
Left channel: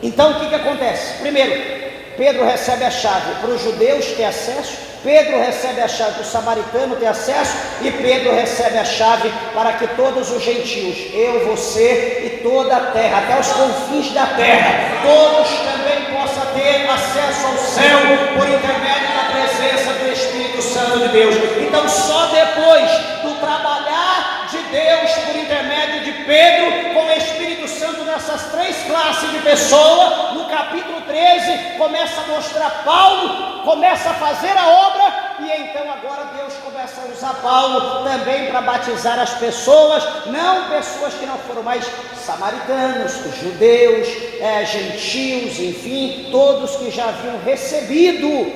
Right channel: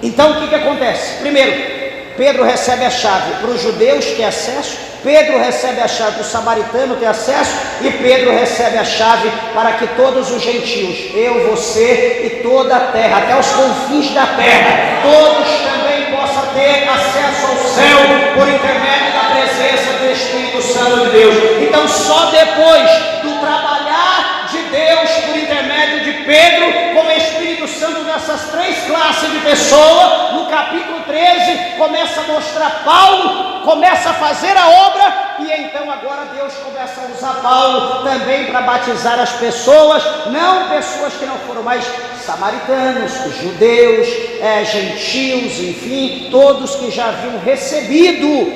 Então, o que acontece? Primeiro, Pedro recebe a chave para os judeus ter acesso, Pedro recebe a chave para o samaritano ter acesso, e Pedro recebe a chave para que todos os gentios, eu, você e toda a terra, até os confins da terra, todos também possam ter acesso ao céu por intermédio da presença do Espírito Santo de Deus. Então, só depois do trabalhar de Deus por intermédio de Pedro com o Espírito Santo nessas 3 classes de pessoa, no capítulo 13 começa a mostrar Paulo, começa a fazer a obra, e então agora Deus começa a usar Paulo também para batizar as pessoas, não pessoas que não foram mais samaritanos, judeus, gentios, enfim, todos que já haviam recebido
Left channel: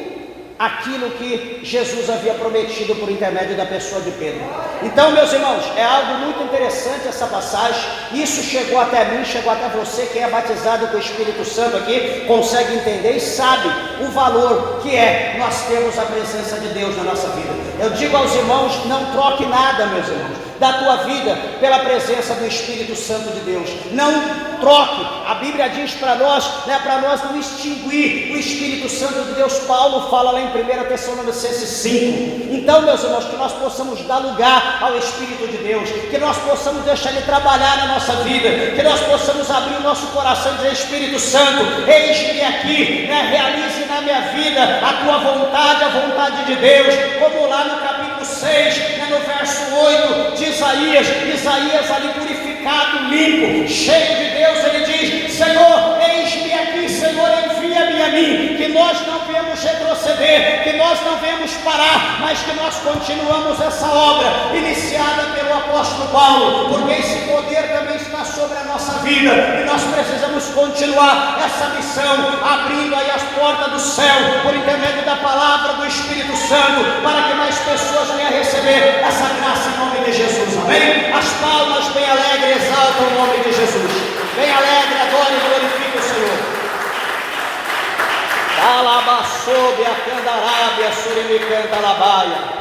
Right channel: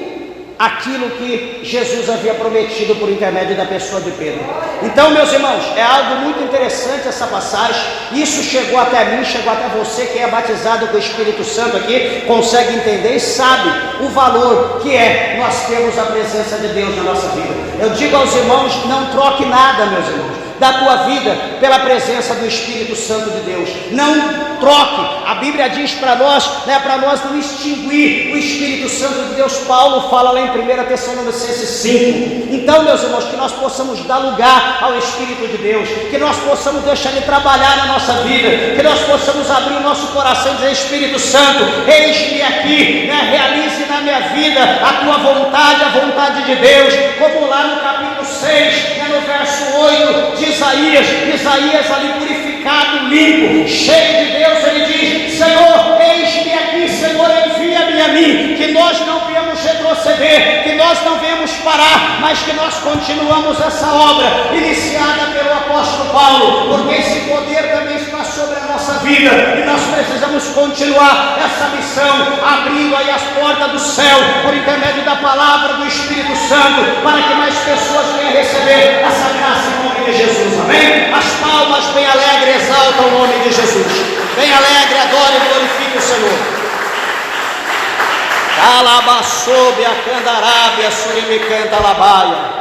aquilo que Jesus havia prometido por intermédio da pessoa de Pedro. Então, meus irmãos, é algo muito interessante essa passagem. Isso chegou até mim, chegou até você que é batizado com o Espírito Santo aqui, consegue entender e sabe o valor que é nós termos a presença de Deus na nossa vida. Eu digo aos irmãos, não troque nada, meus irmãos, da tua vida pela presença do Espírito Santo de Deus. Não troque. A Bíblia diz para nós, para nós não extinguir o Espírito Santo de Deus. Paulo fala lá em 1 Tessalonicenses 5. Então, meus irmãos, que nós possamos dar lugar ao Espírito de Deus, que nós possamos deixar Ele trabalhar na nossa vida, que nós possamos abrir o nosso coração e dizer: Espírito Santo, eis-me aqui, realize na minha vida a tua vontade, a vontade de Deus, como lá no capítulo 6, no verso 8 de Isaías ali purificado, limpo, cheio de Deus, ele diz: Senhor, eis-me aqui, Senhor, envia-me a mim, que nós não viemos retroceder, que nós não viemos parar, mas que nós continuamos essa obra iniciada pelo apóstolo Paulo, porque esse poder também está sobre a nossa vida, e nós precisamos continuar essa missão, abrindo aí as portas do céu, por intermédio da palavra do Espírito Santo, para que mais pessoas venham receber essa graça em nome de Jesus, amém? As palmas bem alegres exaltam o nome de Jesus, bem alegre, adore e glorifique o Senhor. Alabaçobe a candarábia, surimi canta labaia.